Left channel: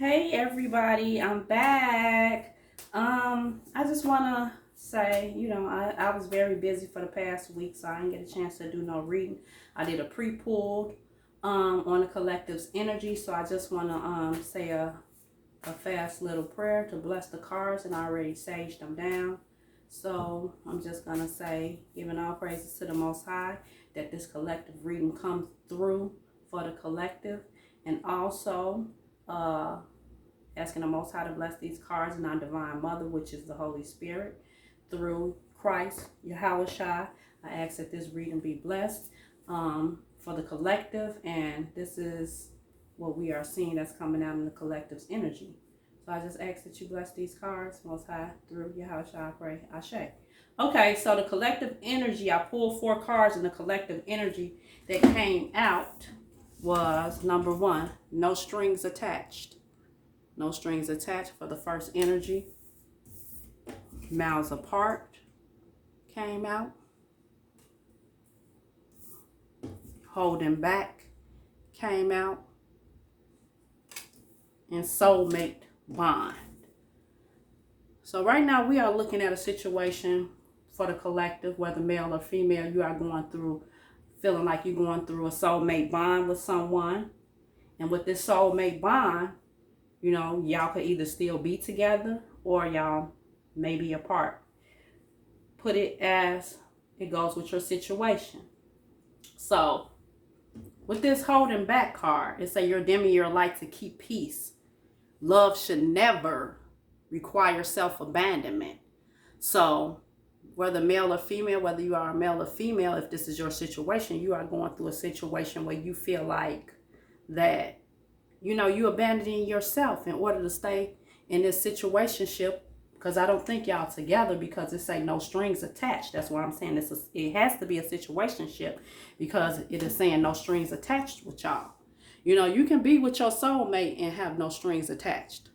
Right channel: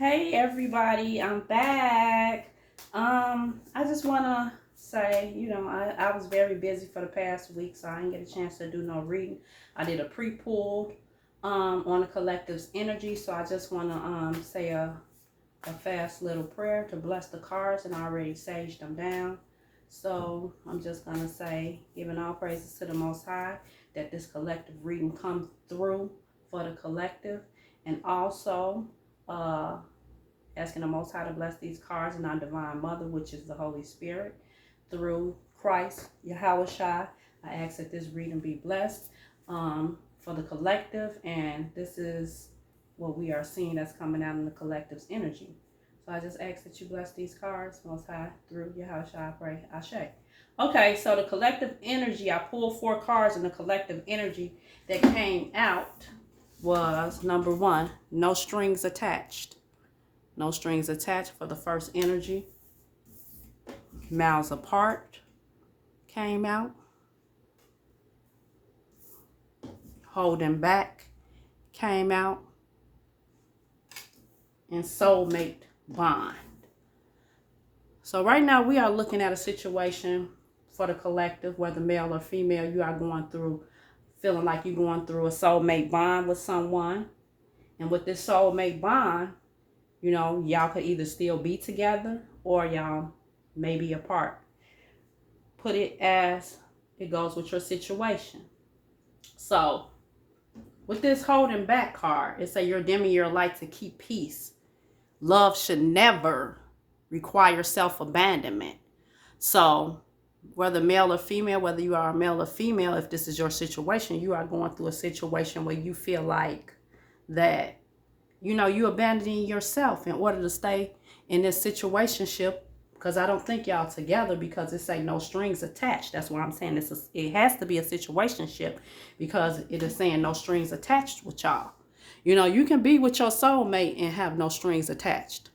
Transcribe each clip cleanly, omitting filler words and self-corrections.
Hey everybody, I'm back. I just wanna say, I was very busy for the past week, so I didn't get a chance to do no reading. I did a pre-pulled on the collective's energy, so I just wanna say a fast little prayer to bless the cards, and I already saged them down. So I'm just gonna say, giving all praises to the Most High, that this collective reading comes through for the collective, and also uh asking the Most High to bless these cards and our Divine Mother, which is the Holy Spirit, through Christ, Yahweh Shai. I ask that this reading be blessed for the collective, and this is what we are seeing that's coming out in the collective's energy. So I just ask that you bless these cards, Most High, through Yahweh Shai, I pray, Ashe. Okay, so the collective energy, I pulled 4 cards in the collective energy that came out was number 1, no strings attached. No strings attached for the first energy. Miles apart came out. Holding back came out. And soulmate bond. So right now we are looking at a situation for the collective, whether male or female, you are going through, feeling like you're going through a soulmate bond with someone. And with this soulmate bond, y'all could either still be together or y'all may be apart. Put it as it goes with your situation. So, with this holding back card, it say you're dimming your light to keep peace. Love should never require self-abandonment. So, whether male or female, whether you are a male or female, if this is your situation, you are going through a situation where you feel like that you abandoning yourself in order to stay in this situationship, because I don't think y'all together, because it say no strings attached. That's what I'm saying. It has to be a situationship because it is saying no strings attached with y'all. You can be with your soulmate and have no strings attached.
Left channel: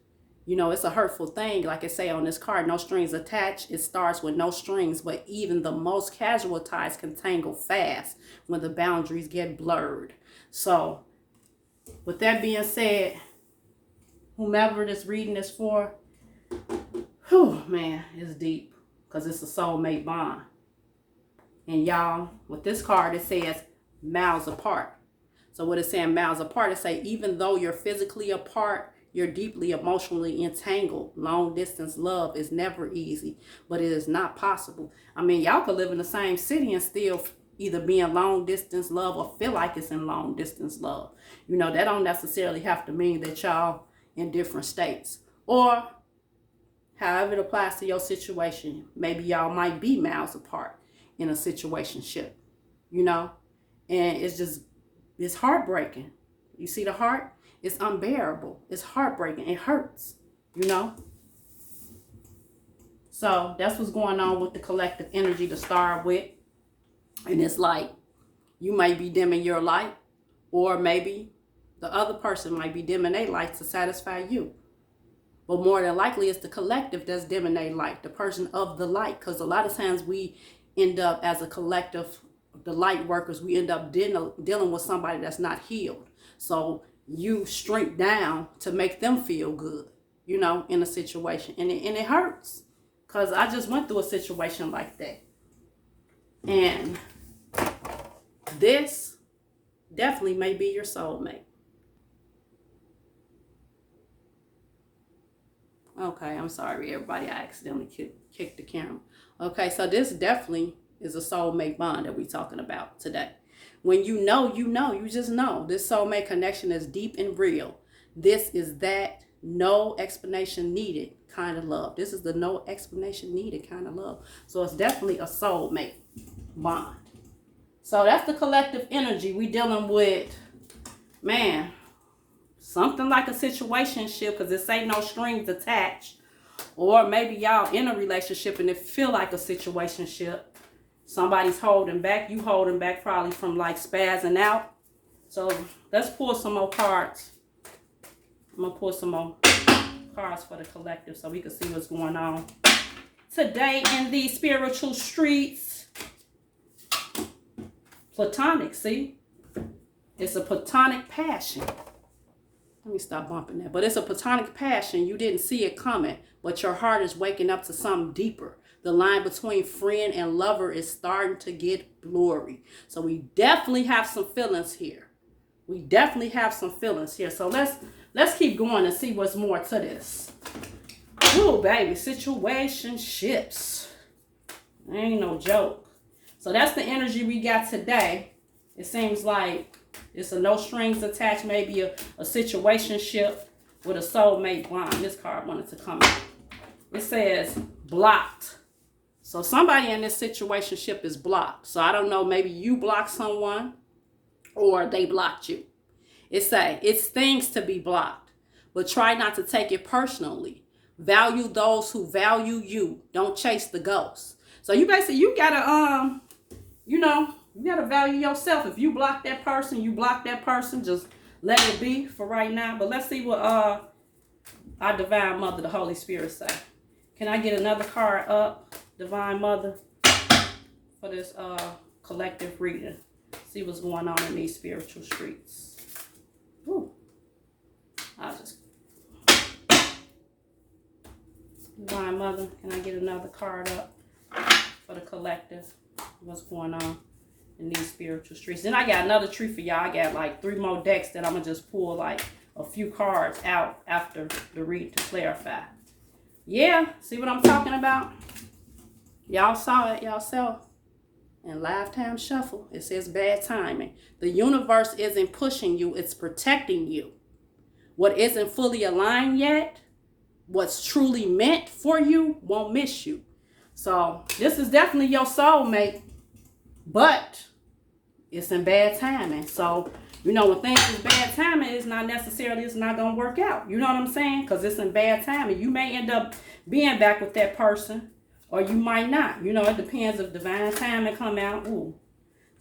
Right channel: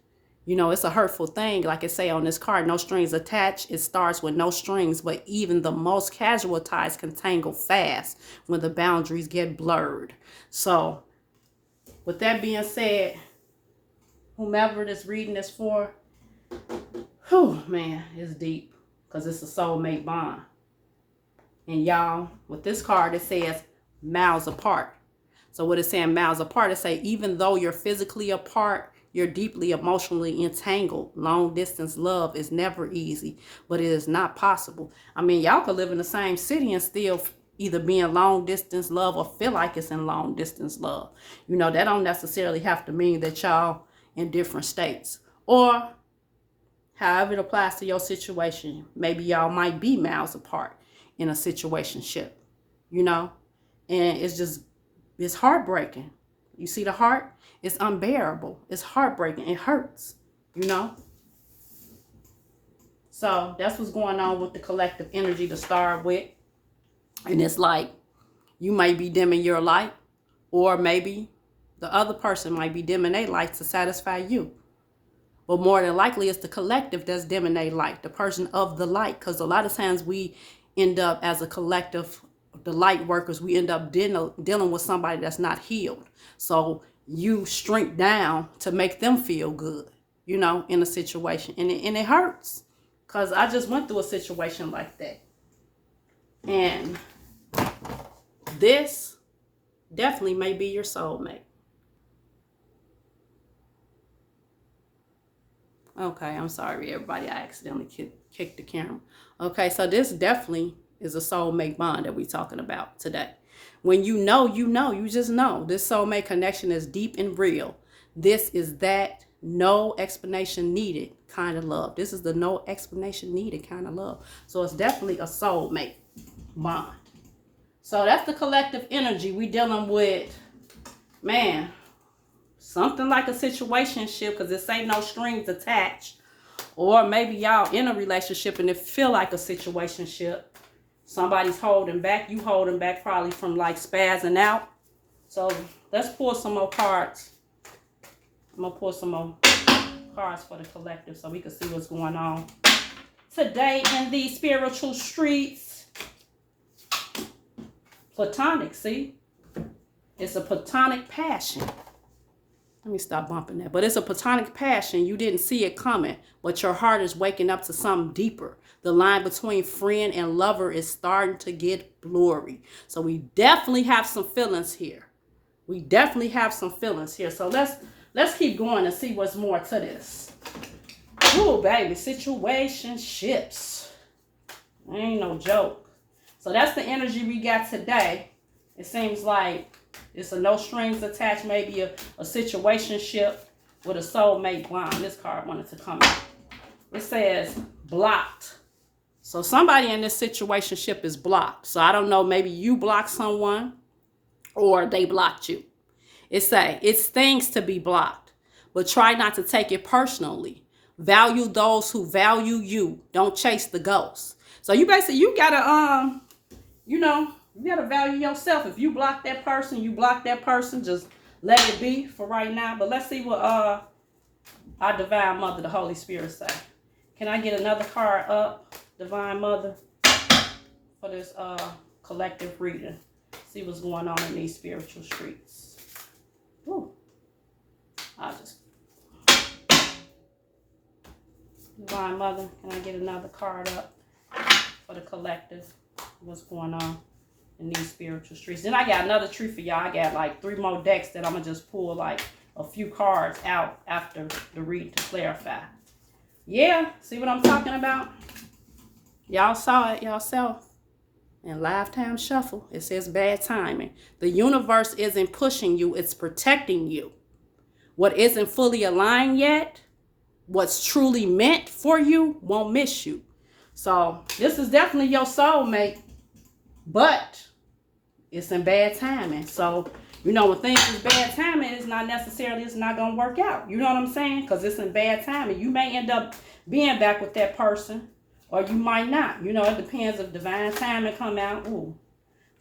It's a hurtful thing. Like it say on this card, no strings attached. It starts with no strings, but even the most casual ties can tangle fast when the boundaries get blurred. So, with that being said, whomever this reading is for, man, it's deep because it's a soulmate bond. And y'all, with this card, it says miles apart. So what it's saying, miles apart, it say even though you're physically apart, you're deeply emotionally entangled. Long distance love is never easy, but it is not possible. I mean, y'all could live in the same city and still either be in long distance love or feel like it's in long distance love. That don't necessarily have to mean that y'all in different states. Or however it applies to your situation. Maybe y'all might be miles apart in a situationship, and it's heartbreaking. You see the heart? It's unbearable. It's heartbreaking. It hurts, So that's what's going on with the collective energy to start with. And it's like you might be dimming your light, or maybe the other person might be dimming their light to satisfy you. But more than likely, it's the collective that's dimming their light, the person of the light. Because a lot of times we end up as a collective, the light workers, we end up dealing with somebody that's not healed. So you shrink down to make them feel good, in a situation. And it hurts. Because I just went through a situation like that. And this definitely may be your soulmate. Okay, I'm sorry, everybody. I accidentally kicked the camera. Okay, so this definitely is a soulmate bond that we're talking about today. When you just know. This soulmate connection is deep and real. This is that no explanation needed kind of love. This is the no explanation needed kind of love. So it's definitely a soulmate bond. So that's the collective energy. We dealing with, man, something like a situationship, because it say no strings attached. Or maybe y'all in a relationship and it feel like a situationship. Somebody's holding back. You holding back probably from like spazzing out. So let's pull some more cards. I'm going to pull some more cards for the collective so we can see what's going on today in these spiritual streets. Platonic, see? It's a platonic passion. Let me stop bumping that. But it's a platonic passion. You didn't see it coming, but your heart is waking up to something deeper. The line between friend and lover is starting to get blurry. So we definitely have some feelings here. We definitely have some feelings here. So let's keep going and see what's more to this. Ooh, baby, situationships. Ain't no joke. So that's the energy we got today. It seems like it's a no strings attached, maybe a situationship with a soulmate bond. This card wanted to come out. It says blocked. So somebody in this situationship is blocked. So I don't know, maybe you blocked someone or they blocked you. It stings to be blocked, but try not to take it personally. Value those who value you. Don't chase the ghosts. So you basically, you gotta, you gotta value yourself. If you block that person, just let it be for right now. But let's see what our Divine Mother, the Holy Spirit, say. Can I get another card up, Divine Mother, for this collective reading? See what's going on in these spiritual streets. Woo. Divine Mother, can I get another card up for the collective? What's going on in these spiritual streets? Then I got another treat for y'all. I got like 3 more decks that I'm going to just pull like a few cards out after the read to clarify. Yeah, see what I'm talking about? Y'all saw it yourself. In Lifetime Shuffle, it says bad timing. The universe isn't pushing you, it's protecting you. What isn't fully aligned yet, what's truly meant for you, won't miss you. So this is definitely your soulmate, but it's in bad timing. So, when things is bad timing, it's not going to work out. You know what I'm saying? Because it's in bad timing. You may end up being back with that person, or you might not. It depends if divine timing come out. Ooh,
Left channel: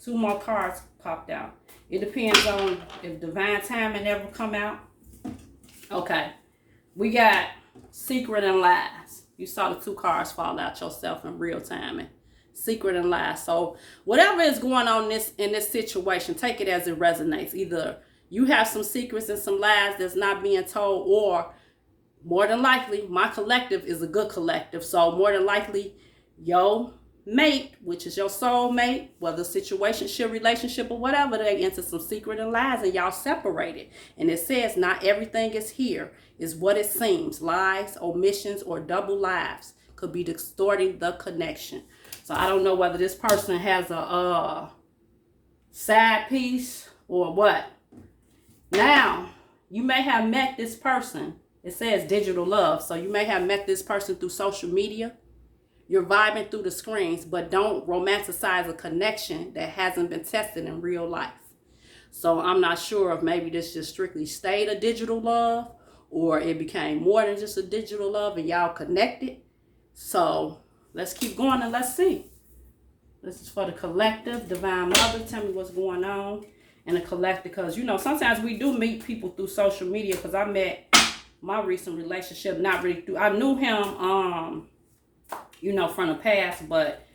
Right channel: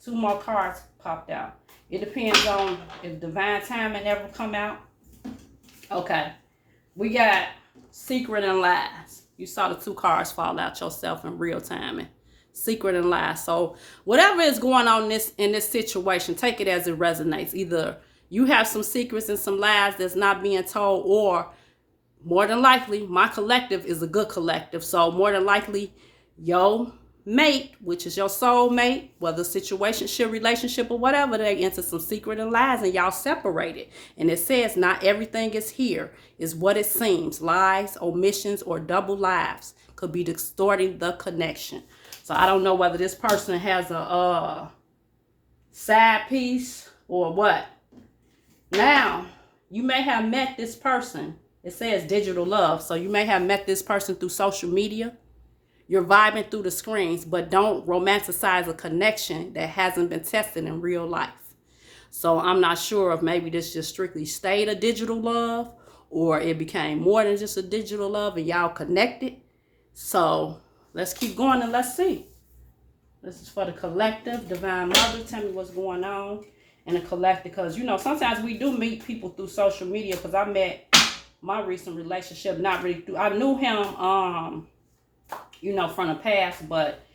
2 more cards popped out. It depends on if divine timing ever come out. Okay. We got secret and lies. You saw the 2 cards fall out yourself in real time. Secret and lies. So whatever is going on in this situation, take it as it resonates. Either you have some secrets and some lies that's not being told, or more than likely, my collective is a good collective. So more than likely, your mate, which is your soulmate, whether situationship, relationship, or whatever, they into some secret and lies and y'all separated. And it says not everything is here, is what it seems. Lies, omissions, or double lives could be distorting the connection. So I don't know whether this person has a side piece or what. Now, you may have met this person. It says digital love. So you may have met this person through social media. You're vibing through the screens, but don't romanticize a connection that hasn't been tested in real life. So I'm not sure if maybe this just strictly stayed a digital love, or it became more than just a digital love and y'all connected. So let's keep going and let's see. This is for the collective. Divine Mother, tell me what's going on in the collective. Because, sometimes we do meet people through social media. Because I met my recent relationship, not really through, I knew him, from the past, but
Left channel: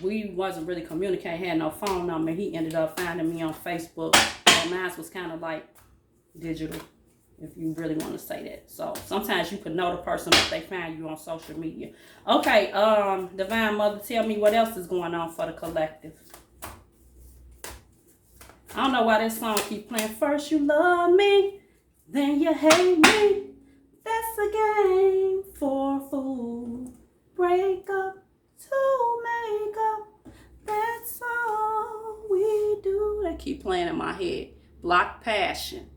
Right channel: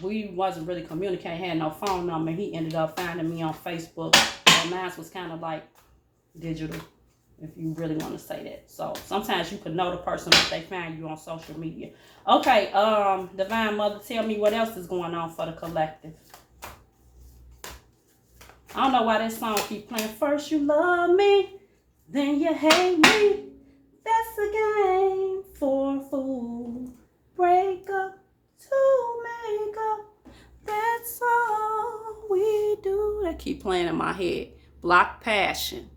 we wasn't really communicating, had no phone number. He ended up finding me on Facebook. So mine was kind of like digital, if you really want to say that. So sometimes you could know the person, but they find you on social media. Okay, Divine Mother, tell me what else is going on for the collective. I don't know why this song keep playing. First you love me, then you hate me. That's a game for a fool. Break up to make up. That's all we do. They keep playing in my head. Block passion.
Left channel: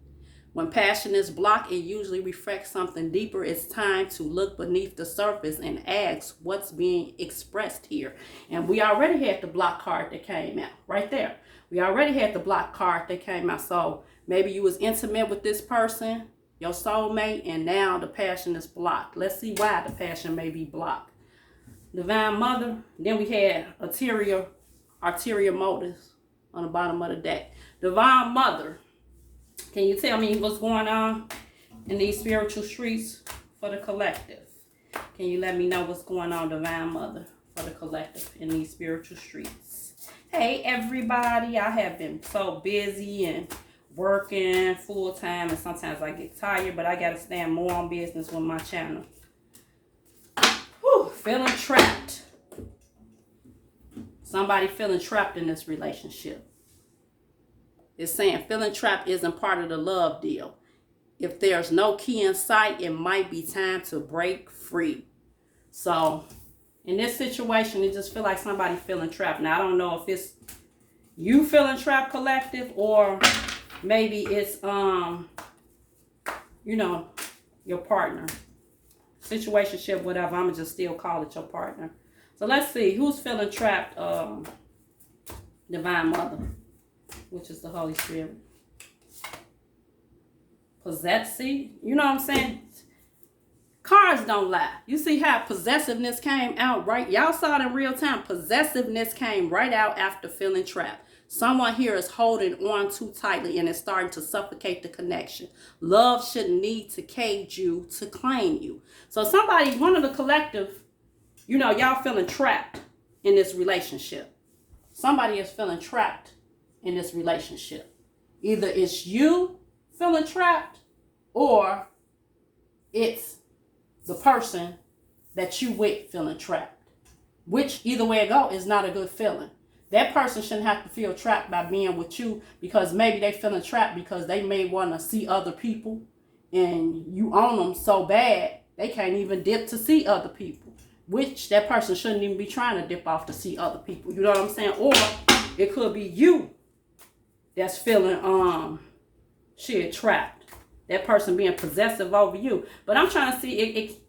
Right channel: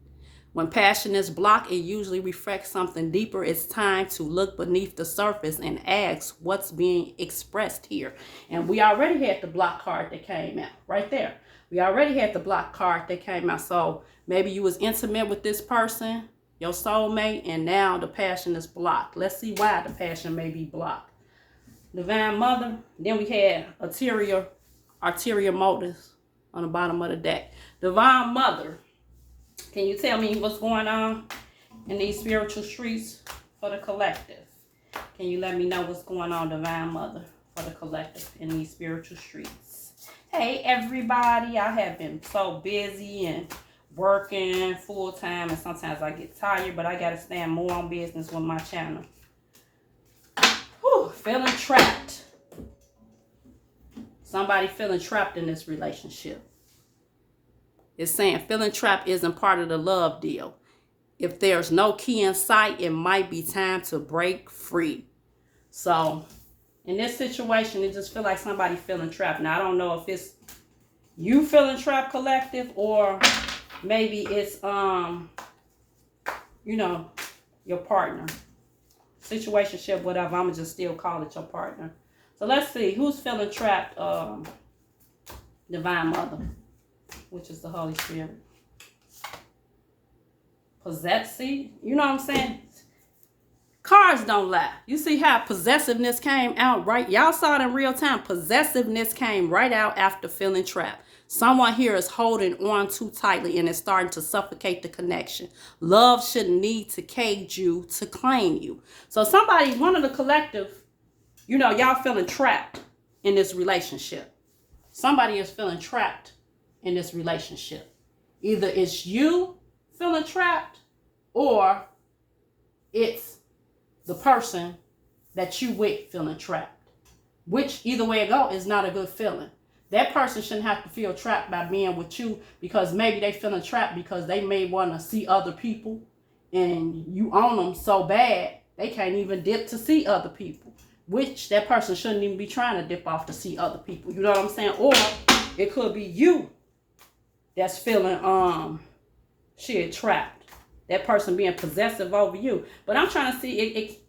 When passion is blocked, it usually reflects something deeper. It's time to look beneath the surface and ask what's being expressed here. And we already had the block card that came out right there. We already had the block card that came out. So maybe you was intimate with this person, your soulmate, and now the passion is blocked. Let's see why the passion may be blocked. Divine Mother. Then we had ulterior motives on the bottom of the deck. Divine Mother. Can you tell me what's going on in these spiritual streets for the collective? Can you let me know what's going on, Divine Mother, for the collective in these spiritual streets? Hey, everybody. I have been so busy and working full time, and sometimes I get tired, but I got to stand more on business with my channel. Whew, feeling trapped. Somebody feeling trapped in this relationship. It's saying feeling trapped isn't part of the love deal. If there's no key in sight, it might be time to break free. So in this situation, it just feel like somebody feeling trapped. Now, I don't know if it's you feeling trapped, collective, or maybe it's, you know, your partner. Situationship, whatever. I'm going to just still call it your partner. So let's see. Who's feeling trapped? Divine Mother, which is the Holy Spirit. Possessive. You know what I'm saying? Cards don't lie. You see how possessiveness came out right? Y'all saw it in real time. Possessiveness came right out after feeling trapped. Someone here is holding on too tightly and is starting to suffocate the connection. Love shouldn't need to cage you to claim you. So somebody, one of the collective, you know, y'all feeling trapped in this relationship. Somebody is feeling trapped in this relationship. Either it's you feeling trapped or it's the person that you with feeling trapped. Which, either way it go, is not a good feeling. That person shouldn't have to feel trapped by being with you, because maybe they feeling trapped because they may want to see other people and you own them so bad they can't even dip to see other people. Which that person shouldn't even be trying to dip off to see other people. You know what I'm saying? Or it could be you that's feeling trapped. That person being possessive over you. But I'm trying to see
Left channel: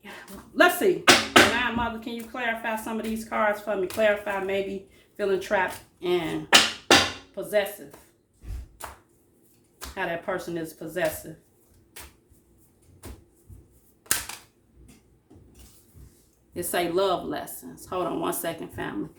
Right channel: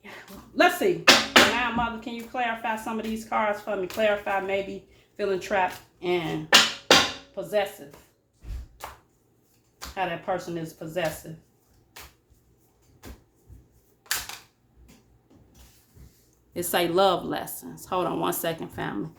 let's see. Now, Mother, can you clarify some of these cards for me? Clarify maybe feeling trapped and possessive. How that person is possessive. It say love lessons. Hold on one second, family.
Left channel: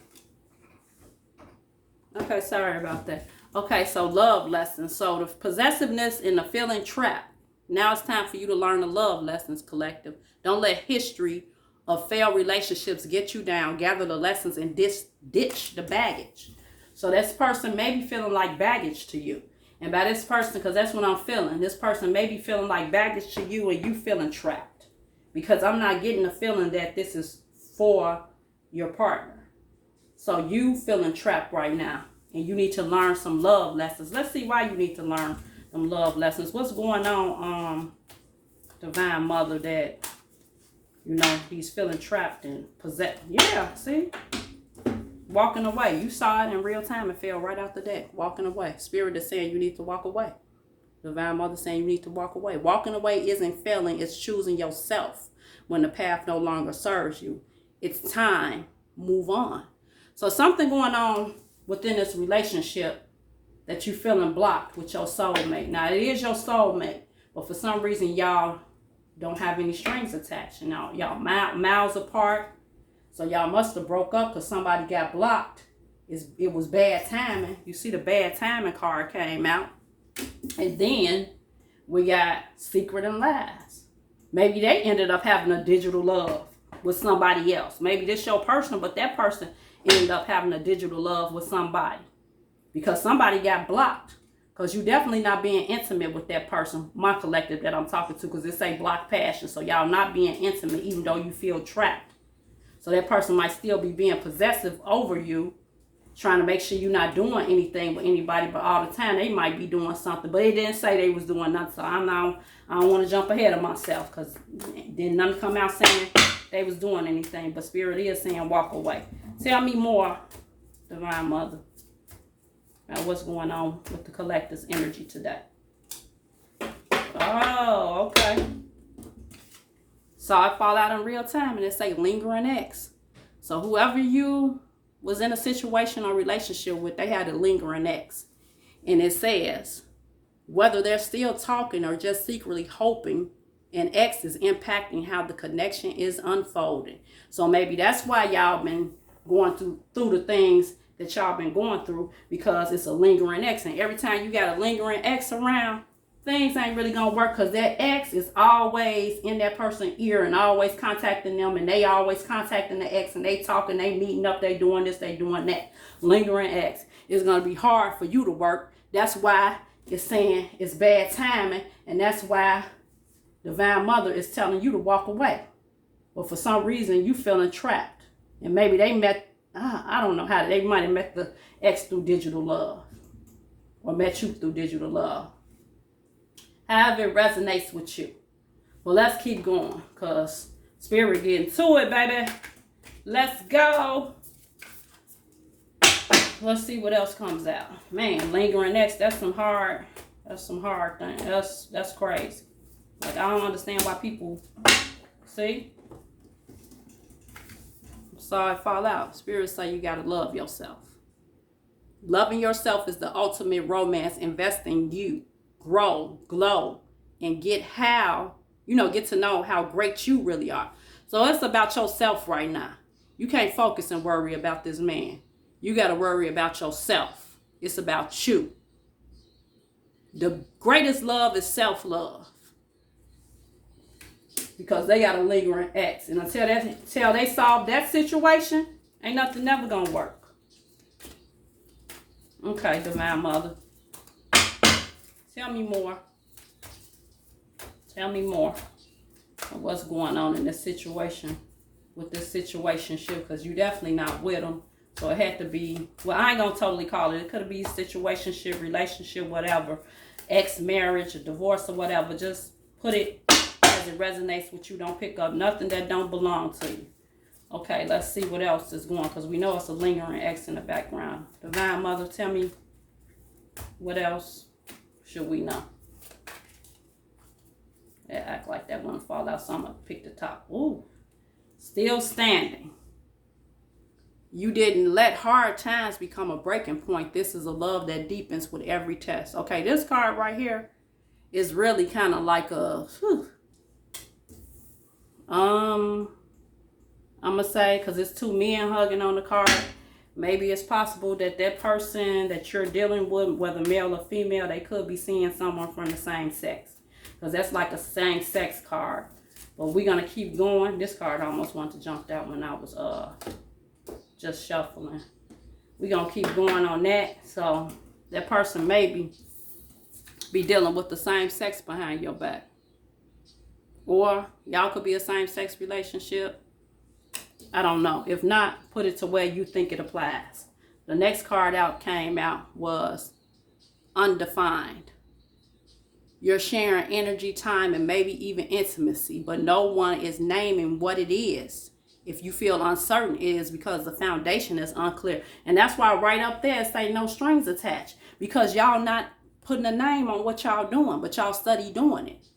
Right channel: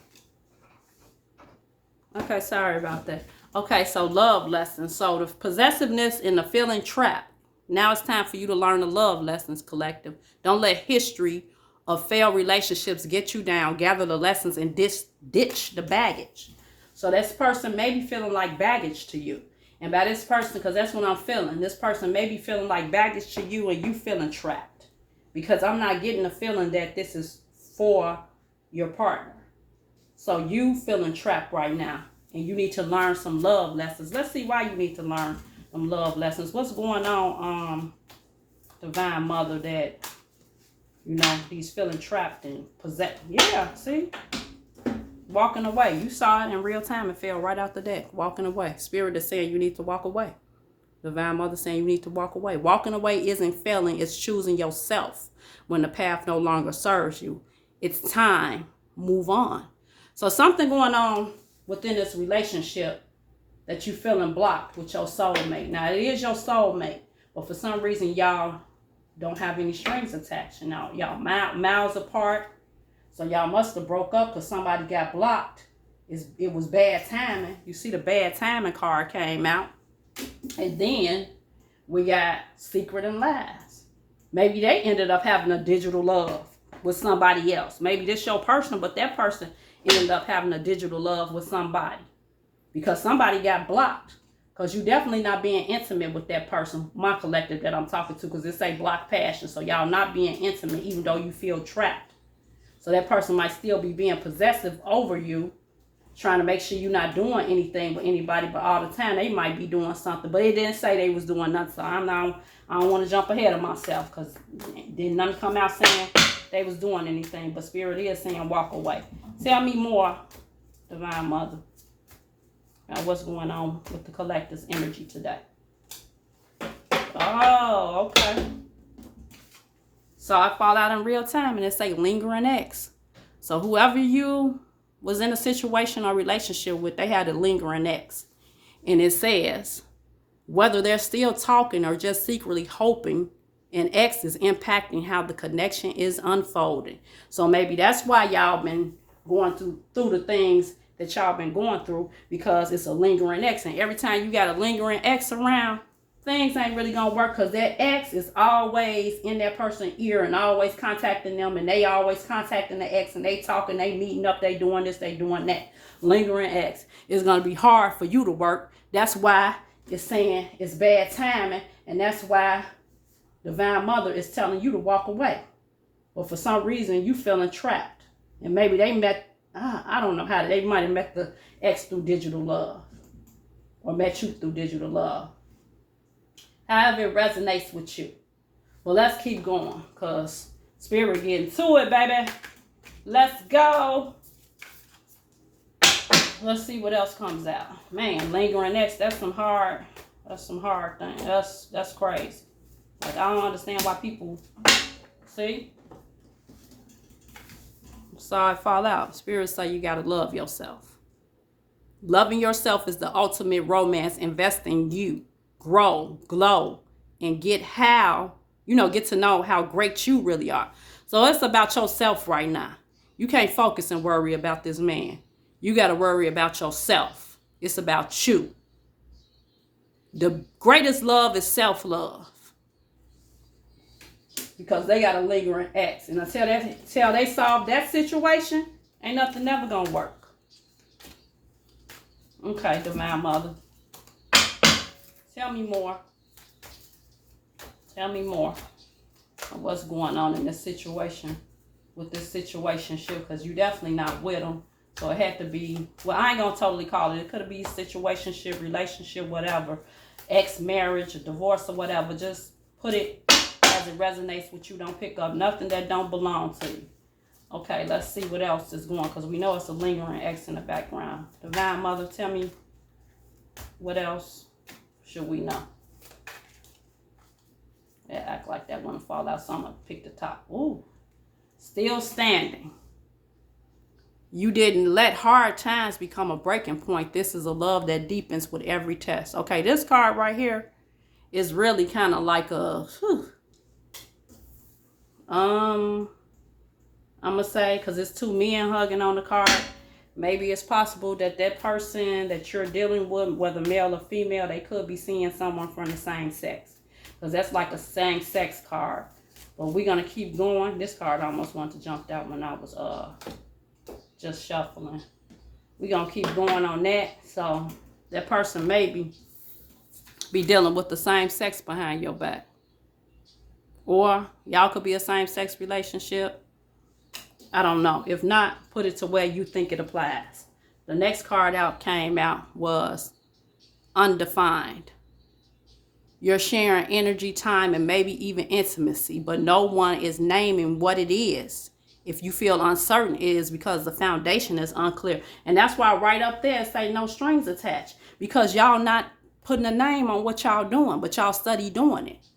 Okay, sorry about that. Okay, so love lessons. So the possessiveness and the feeling trapped. Now it's time for you to learn the love lessons, collective. Don't let history of failed relationships get you down. Gather the lessons and ditch the baggage. So this person may be feeling like baggage to you. And by this person, because that's what I'm feeling, this person may be feeling like baggage to you and you feeling trapped. Because I'm not getting the feeling that this is for your partner. So you feeling trapped right now. And you need to learn some love lessons. Let's see why you need to learn some love lessons. What's going on, Divine Mother, that, you know, he's feeling trapped and possessed. Yeah, see? Walking away. You saw it in real time. It fell right out the deck. Walking away. Spirit is saying you need to walk away. Divine Mother saying you need to walk away. Walking away isn't failing. It's choosing yourself when the path no longer serves you. It's time. Move on. So something going on within this relationship that you feeling blocked with your soulmate. Now, it is your soulmate, but for some reason, y'all don't have any strings attached. You know, y'all miles apart. So y'all must have broke up because somebody got blocked. It was bad timing. You see the bad timing card came out. And then we got secret and lies. Maybe they ended up having a digital love with somebody else. Maybe this your person, but that person ended up having a digital love with somebody. Because somebody got blocked. Because you definitely not being intimate with that person, my collective that I'm talking to, because it say block passion. So y'all not being intimate even though you feel trapped. So that person might still be being possessive over you, trying to make sure you're not doing anything with anybody, but all the time they might be doing something. But it didn't say they was doing nothing. So I don't want to jump ahead of myself, because didn't none come out saying they was doing anything. But Spirit is saying walk away. Tell me more, Divine Mother, about what's going on with the collector's energy today. Oh, okay. Saw it fall out in real time, and it say lingering ex. So whoever you was in a situation or relationship with, they had a lingering ex. And it says, whether they're still talking or just secretly hoping, an ex is impacting how the connection is unfolding. So maybe that's why y'all been going through the things that y'all been going through, because it's a lingering ex. And every time you got a lingering ex around, things ain't really gonna work, because that ex is always in that person's ear and always contacting them, and they always contacting the ex, and they talking, they meeting up, they doing this, they doing that. Lingering ex is gonna be hard for you to work. That's why It's saying it's bad timing, and that's why Divine Mother is telling you to walk away. But for some reason, you feeling trapped. And maybe they met, I don't know how, they might have met the ex through digital love. Or met you through digital love. However it resonates with you. Well, let's keep going, because Spirit getting to it, baby. Let's go. Let's see what else comes out. Man, lingering ex, that's some hard thing. That's crazy. Like, I don't understand why people, see? Saw it fall out. Spirit say you gotta love yourself. Loving yourself is the ultimate romance. Invest in you. Grow, glow, and get to know how great you really are. So it's about yourself right now. You can't focus and worry about this man. You got to worry about yourself. It's about you. The greatest love is self-love. Because they got a lingering ex. And until they solve that situation, ain't nothing never going to work. Okay, Divine Mother. Tell me more. Tell me more of what's going on in this situation, with this situationship, because you definitely not with them. So it had to be, well, I ain't going to totally call it. It could be situationship, relationship, whatever, ex-marriage, or divorce, or whatever. Just put it as it resonates with you. Don't pick up nothing that don't belong to you. Okay, let's see what else is going, because we know it's a lingering ex in the background. Divine Mother, tell me what else should we know? They act like that wouldn't fall out, so I'm going to pick the top. Ooh, still standing. You didn't let hard times become a breaking point. This is a love that deepens with every test. Okay, this card right here is really kind of like a, I'm going to say, because it's two men hugging on the card, maybe it's possible that that person that you're dealing with, whether male or female, they could be seeing someone from the same sex. Because that's like a same sex card. But we're going to keep going. This card almost wanted to jump out when I was just shuffling. We're going to keep going on that. So that person maybe be dealing with the same sex behind your back. Or y'all could be a same sex relationship. I don't know. If not, put it to where you think it applies. The next card came out was undefined. You're sharing energy, time, and maybe even intimacy, but no one is naming what it is. If you feel uncertain, it is because the foundation is unclear. And that's why right up there it say no strings attached. Because y'all not putting a name on what y'all doing, but y'all study doing it.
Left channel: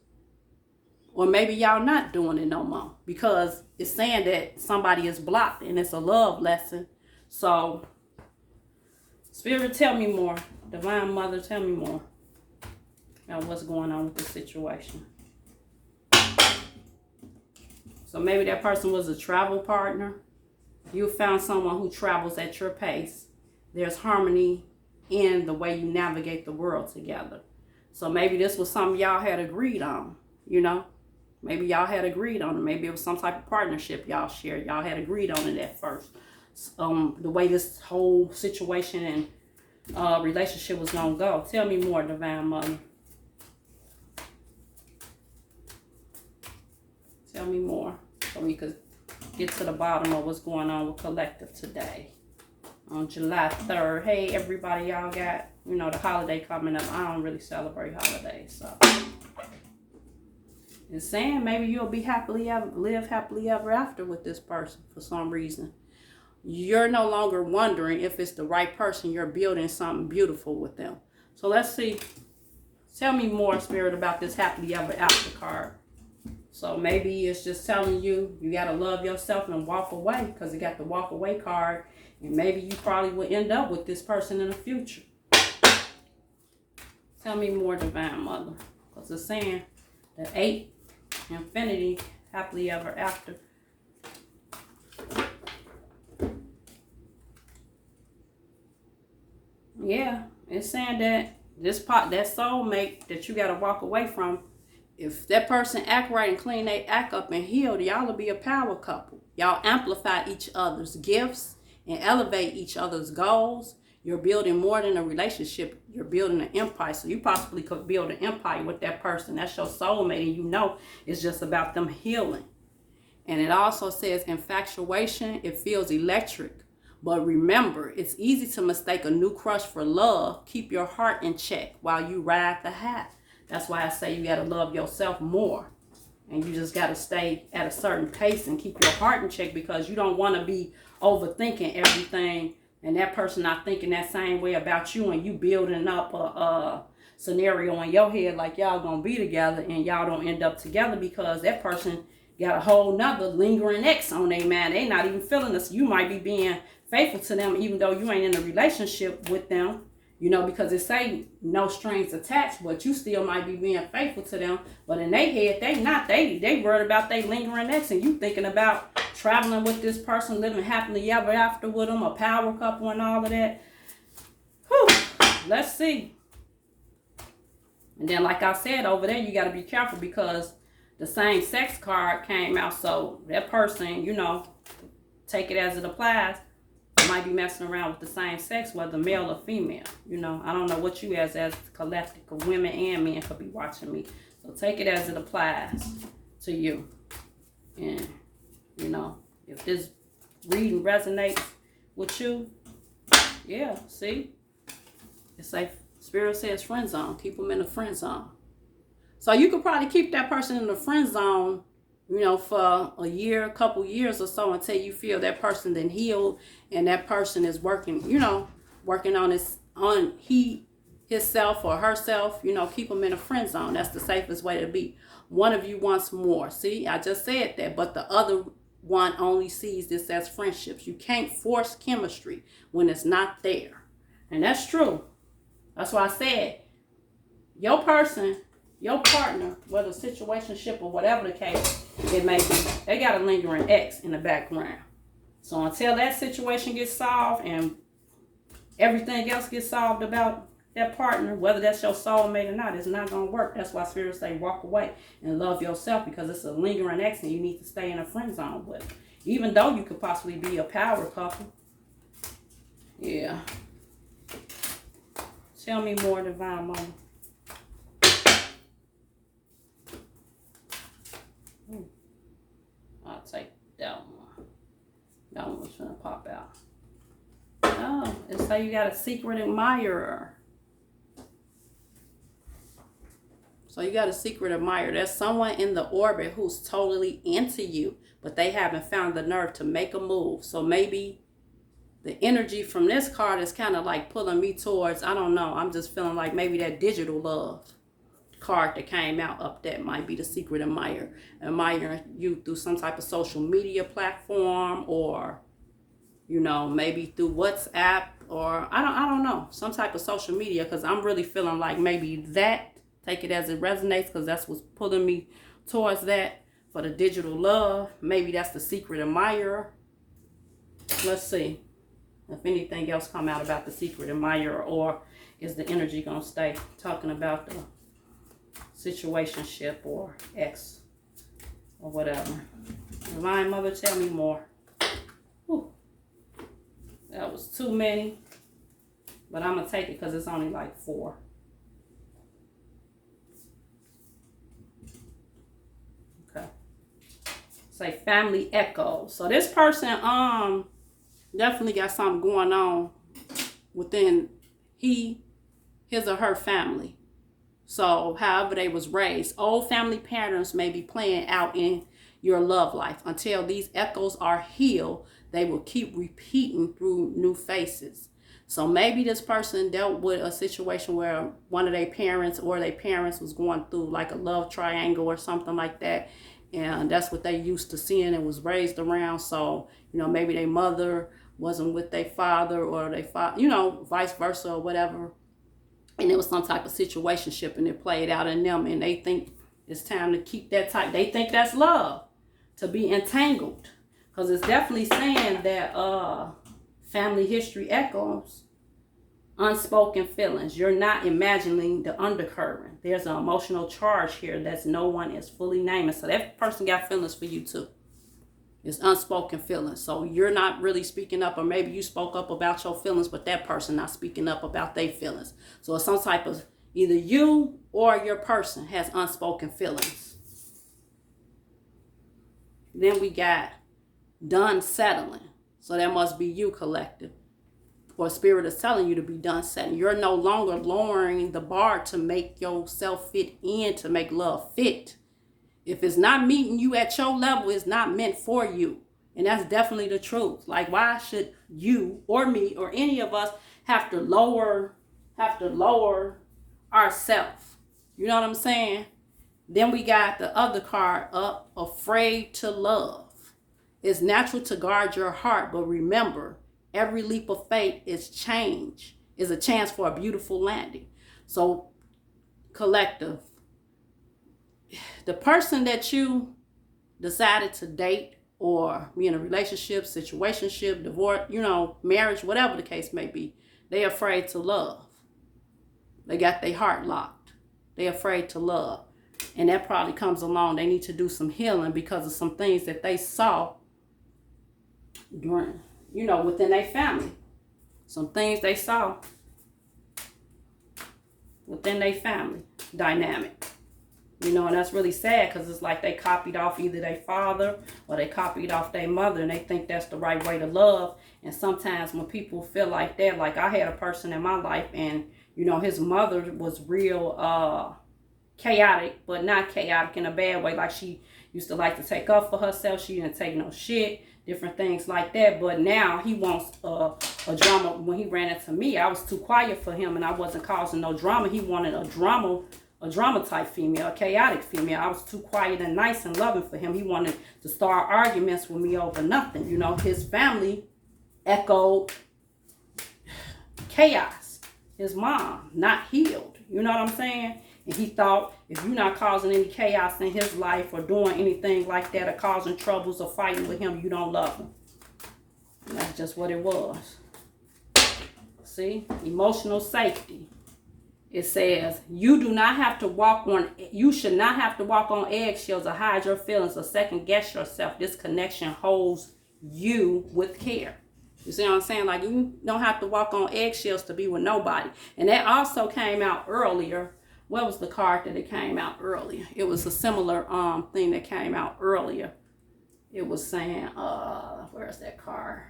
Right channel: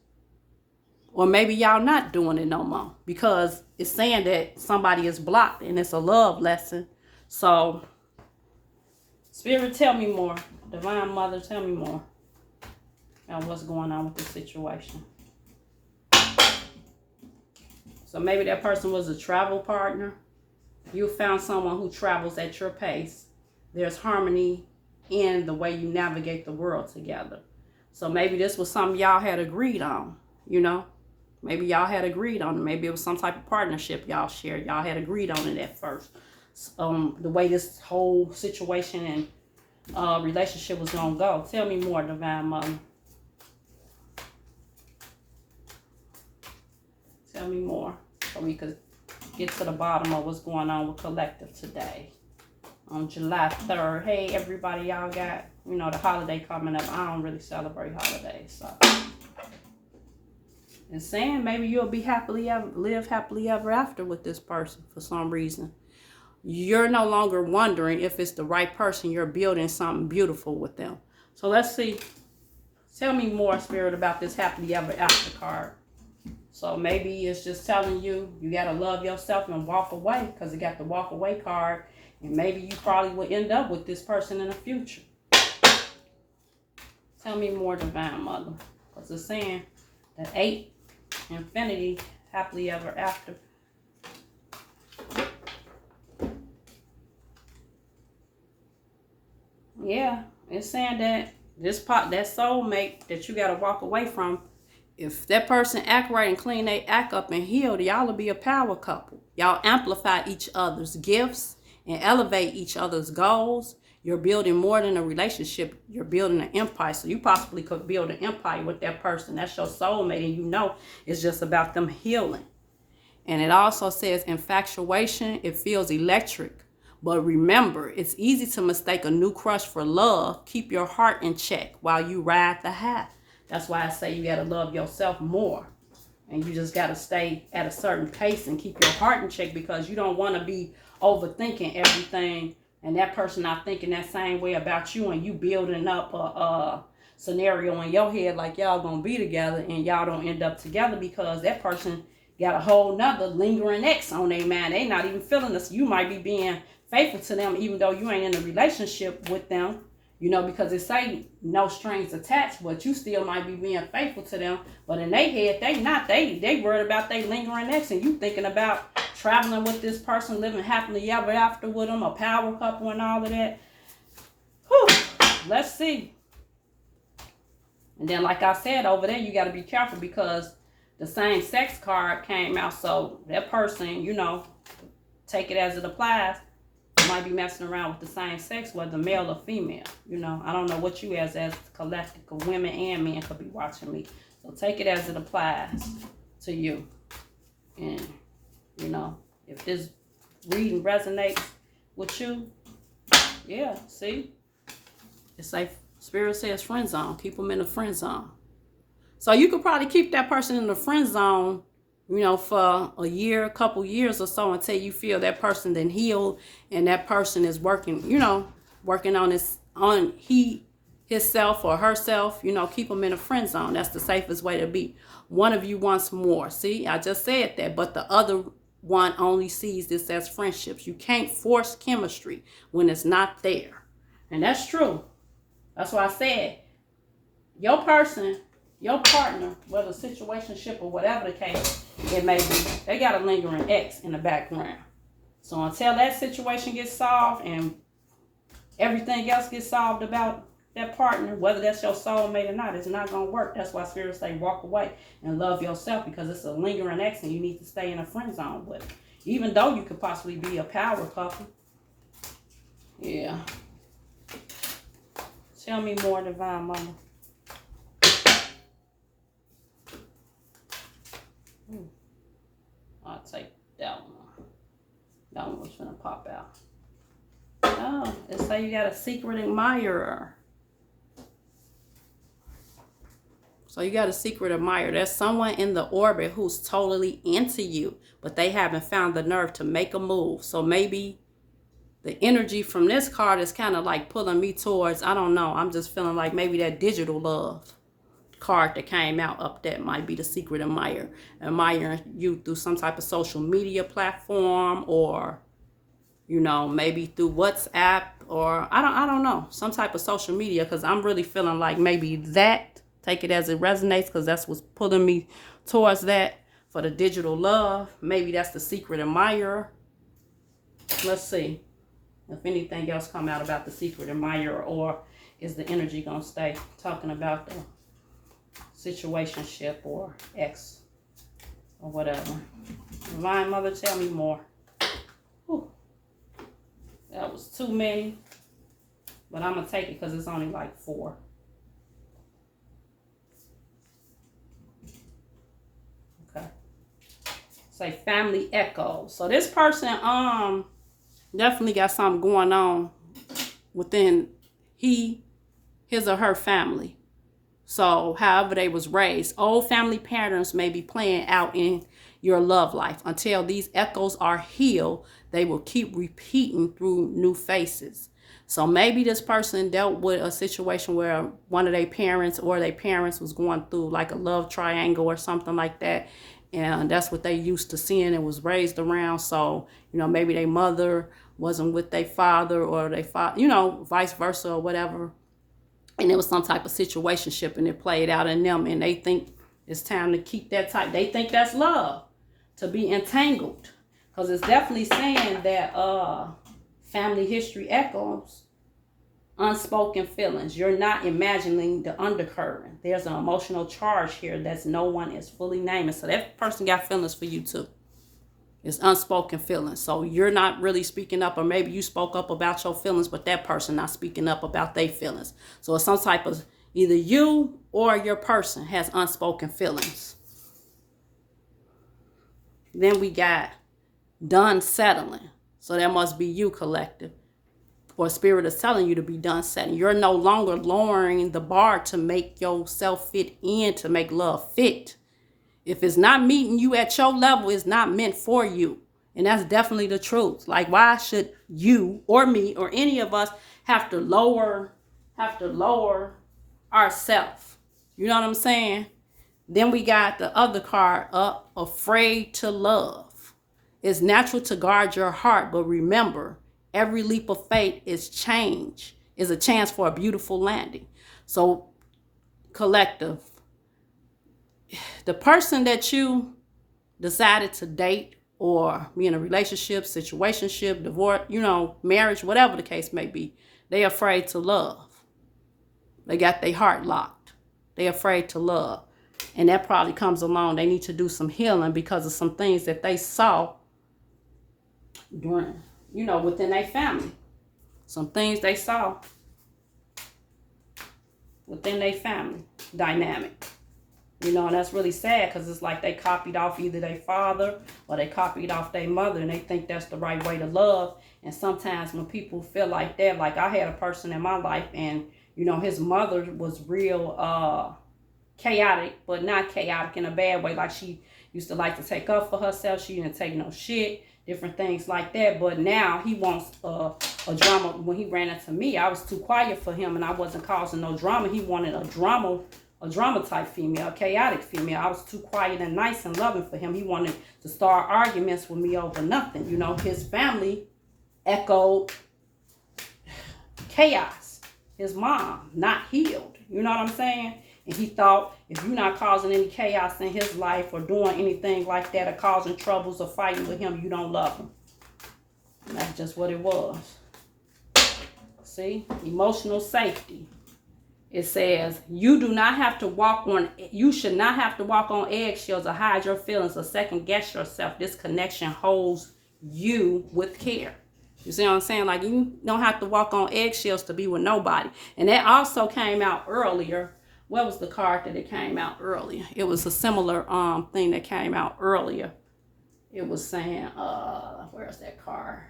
Or maybe y'all not doing it no more. Because it's saying that somebody is blocked and it's a love lesson. So, Spirit, tell me more. Divine Mother, tell me more. And what's going on with this situation. So maybe that person was a travel partner. You found someone who travels at your pace. There's harmony in the way you navigate the world together. So maybe this was something y'all had agreed on, you know. Maybe y'all had agreed on it. Maybe it was some type of partnership y'all shared. Y'all had agreed on it at first. The way this whole situation and relationship was going to go. Tell me more, Divine Mother. Tell me more so we could get to the bottom of what's going on with Collective today on July 3rd. Hey, everybody, y'all got, the holiday coming up. I don't really celebrate holidays, so. And saying maybe you'll be live happily ever after with this person for some reason. You're no longer wondering if it's the right person. You're building something beautiful with them. So let's see. Tell me more, Spirit, about this happily ever after card. So maybe it's just telling you, you got to love yourself and walk away, because it got the walk away card. And maybe you probably will end up with this person in the future. Tell me more, Divine Mother. Because it's saying that 8, infinity, happily ever after. Yeah, it's saying that that soulmate that you got to walk away from, if that person act right and clean they act up and healed, y'all will be a power couple. Y'all amplify each other's gifts and elevate each other's goals. You're building more than a relationship. You're building an empire. So you possibly could build an empire with that person. That's your soulmate, and you know it's just about them healing. And it also says infatuation, it feels electric. But remember, it's easy to mistake a new crush for love. Keep your heart in check while you ride the high. That's why I say you got to love yourself more. And you just got to stay at a certain pace and keep your heart in check, because you don't want to be overthinking everything and that person not thinking that same way about you, and you building up a scenario in your head like y'all gonna be together and y'all don't end up together because that person got a whole nother lingering ex on their mind. They not even feeling this. You might be being faithful to them even though you ain't in a relationship with them, you know, because it say no strings attached, but you still might be being faithful to them. But in their head, they not. They worried about they lingering ex, and you thinking about traveling with this person, living happily ever after with them, a power couple and all of that. Whew. Let's see. And then, like I said, over there, you got to be careful because the same sex card came out. So that person, you know, take it as it applies, might be messing around with the same sex, whether male or female. You know, I don't know what you as collective of women and men could be watching me. So take it as it applies to you. And, you know, if this reading resonates with you, yeah, see? It's like Spirit says friend zone. Keep them in the friend zone. So you could probably keep that person in the friend zone, you know, for a year, a couple years or so, until you feel that person then healed and that person is working, you know, working on himself or herself. You know, keep them in a friend zone. That's the safest way to be. One of you wants more. See, I just said that, but the other one only sees this as friendships. You can't force chemistry when it's not there. And that's true. That's why I said your person, your partner, whether situationship or whatever the case it may be, they got a lingering ex in the background. So until that situation gets solved and everything else gets solved about that partner, whether that's your soulmate or not, it's not going to work. That's why Spirit say walk away and love yourself, because it's a lingering ex and you need to stay in a friend zone with it. Even though you could possibly be a power couple. Yeah. Tell me more, Divine Mama. I'll take that one. That one was gonna pop out. Oh, it say you got a secret admirer. So you got a secret admirer. There's someone in the orbit who's totally into you, but they haven't found the nerve to make a move. So maybe the energy from this card is kind of like pulling me towards, I don't know, I'm just feeling like maybe that digital love card that came out up that might be the secret admirer. Admiring you through some type of social media platform, or, you know, maybe through WhatsApp, or I don't know, some type of social media, because I'm really feeling like maybe that, take it as it resonates, because that's what's pulling me towards that for the digital love. Maybe that's the secret admirer. Let's see if anything else come out about the secret admirer, or is the energy gonna stay talking about the situationship or ex or whatever. Divine Mother, tell me more. Whew. That was too many, but I'm gonna take it because it's only like 4. Okay. Say family echo. So this person definitely got something going on within his or her family. So however they was raised, old family patterns may be playing out in your love life. Until these echoes are healed, they will keep repeating through new faces. So maybe this person dealt with a situation where one of their parents or their parents was going through like a love triangle or something like that. And that's what they used to seeing and was raised around. So, you know, maybe their mother wasn't with their father, or their father, you know, vice versa or whatever. And it was some type of situationship and it played out in them, and they think it's time to keep that tight. They think that's love, to be entangled. Because it's definitely saying that family history echoes unspoken feelings. You're not imagining the undercurrent. There's an emotional charge here that's no one is fully naming. So that person got feelings for you too. It's unspoken feelings. So you're not really speaking up, or maybe you spoke up about your feelings, but that person not speaking up about their feelings. So it's some type of, either you or your person has unspoken feelings. Then we got done settling. So that must be you, collective. Or spirit is telling you to be done settling. You're no longer lowering the bar to make yourself fit in, to make love fit. If it's not meeting you at your level, it's not meant for you. And that's definitely the truth. Like, why should you or me or any of us have to lower ourselves? You know what I'm saying? Then we got the other card up, afraid to love. It's natural to guard your heart, but remember, every leap of faith is change, is a chance for a beautiful landing. So, collective, the person that you decided to date or be in a relationship, situationship, divorce, marriage, whatever the case may be, they're afraid to love. They got their heart locked. They're afraid to love. And that probably comes along. They need to do some healing because of some things that they saw during, within their family. Some things they saw within their family dynamic. And that's really sad because it's like they copied off either their father or they copied off their mother, and they think that's the right way to love. And sometimes when people feel like that, like I had a person in my life, and his mother was real chaotic, but not chaotic in a bad way. Like, she used to like to take up for herself. She didn't take no shit, different things like that. But now he wants a drama. When he ran into me, I was too quiet for him and I wasn't causing no drama. He wanted a drama type female, a chaotic female. I was too quiet and nice and loving for him. He wanted to start arguments with me over nothing. His family echoed chaos. His mom, not healed. You know what I'm saying? And he thought, if you're not causing any chaos in his life or doing anything like that or causing troubles or fighting with him, you don't love him. And that's just what it was. See? Emotional safety. It says, you should not have to walk on eggshells or hide your feelings or second guess yourself. This connection holds you with care. You see what I'm saying? Like, you don't have to walk on eggshells to be with nobody. And that also came out earlier. What was the card that it came out earlier? It was a similar thing that came out earlier. It was saying, where's that card?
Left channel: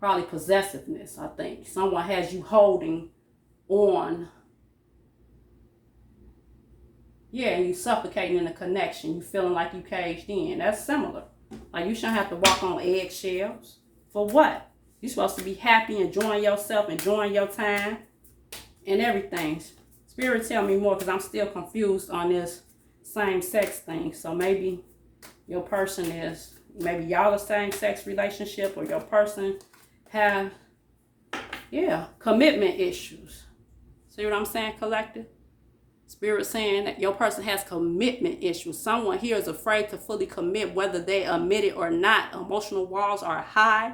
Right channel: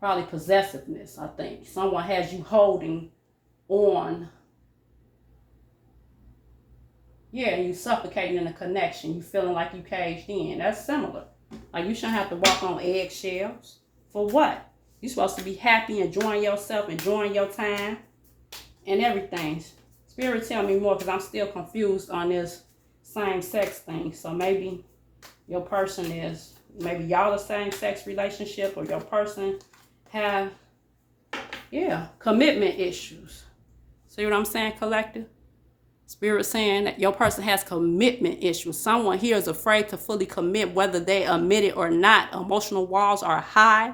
Probably possessiveness, I think. Someone has you holding on. Yeah, and you suffocating in the connection. You feeling like you caged in. That's similar. Like, you shouldn't have to walk on eggshells. For what? You're supposed to be happy, enjoying yourself, enjoying your time, and everything. Spirit, tell me more, because I'm still confused on this same-sex thing. So maybe your person maybe y'all a same-sex relationship, or your person have, commitment issues. See what I'm saying, collective? Spirit saying that your person has commitment issues. Someone here is afraid to fully commit, whether they admit it or not. Emotional walls are high,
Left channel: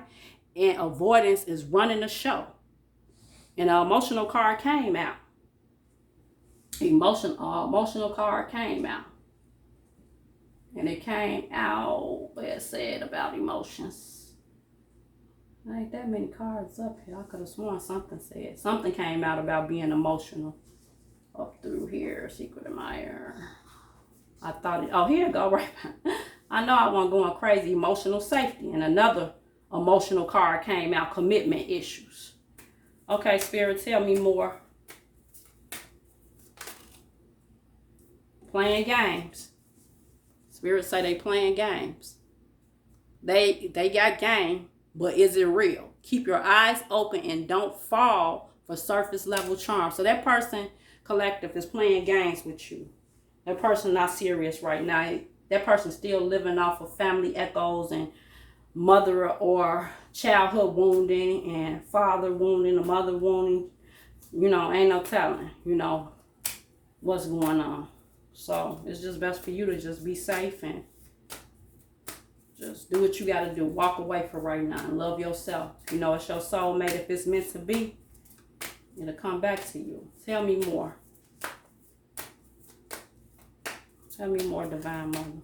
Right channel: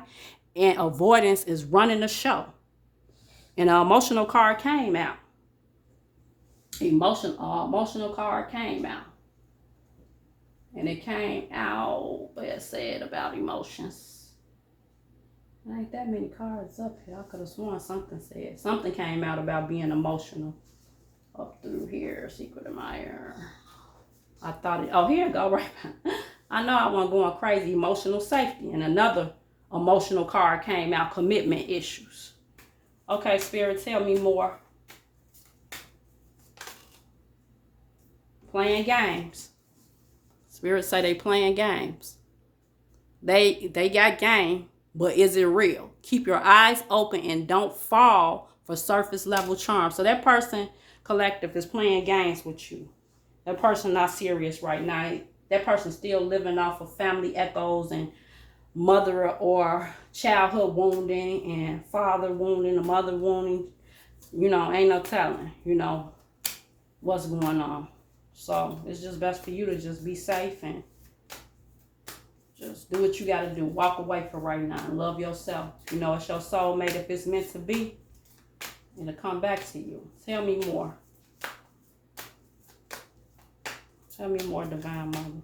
and avoidance is running the show. And an emotional card came out. Emotional card came out. And it came out where it said about emotions. There ain't that many cards up here. I could have sworn something came out about being emotional. Up through here, secret admirer. I thought here it go, right. I know I wasn't going crazy. Emotional safety. And another emotional card came out, commitment issues. Okay, Spirit, tell me more. Playing games. Spirit say they playing games. They got game, but is it real? Keep your eyes open and don't fall for surface level charm. So that person, collective, is playing games with you. That person not serious right now. That person still living off of family echoes and mother or childhood wounding and father wounding or mother wounding. Ain't no telling, what's going on. So it's just best for you to just be safe and just do what you got to do. Walk away for right now and love yourself. It's your soulmate. If it's meant to be, it'll come back to you. Tell me more. Tell me more, Divine Mother.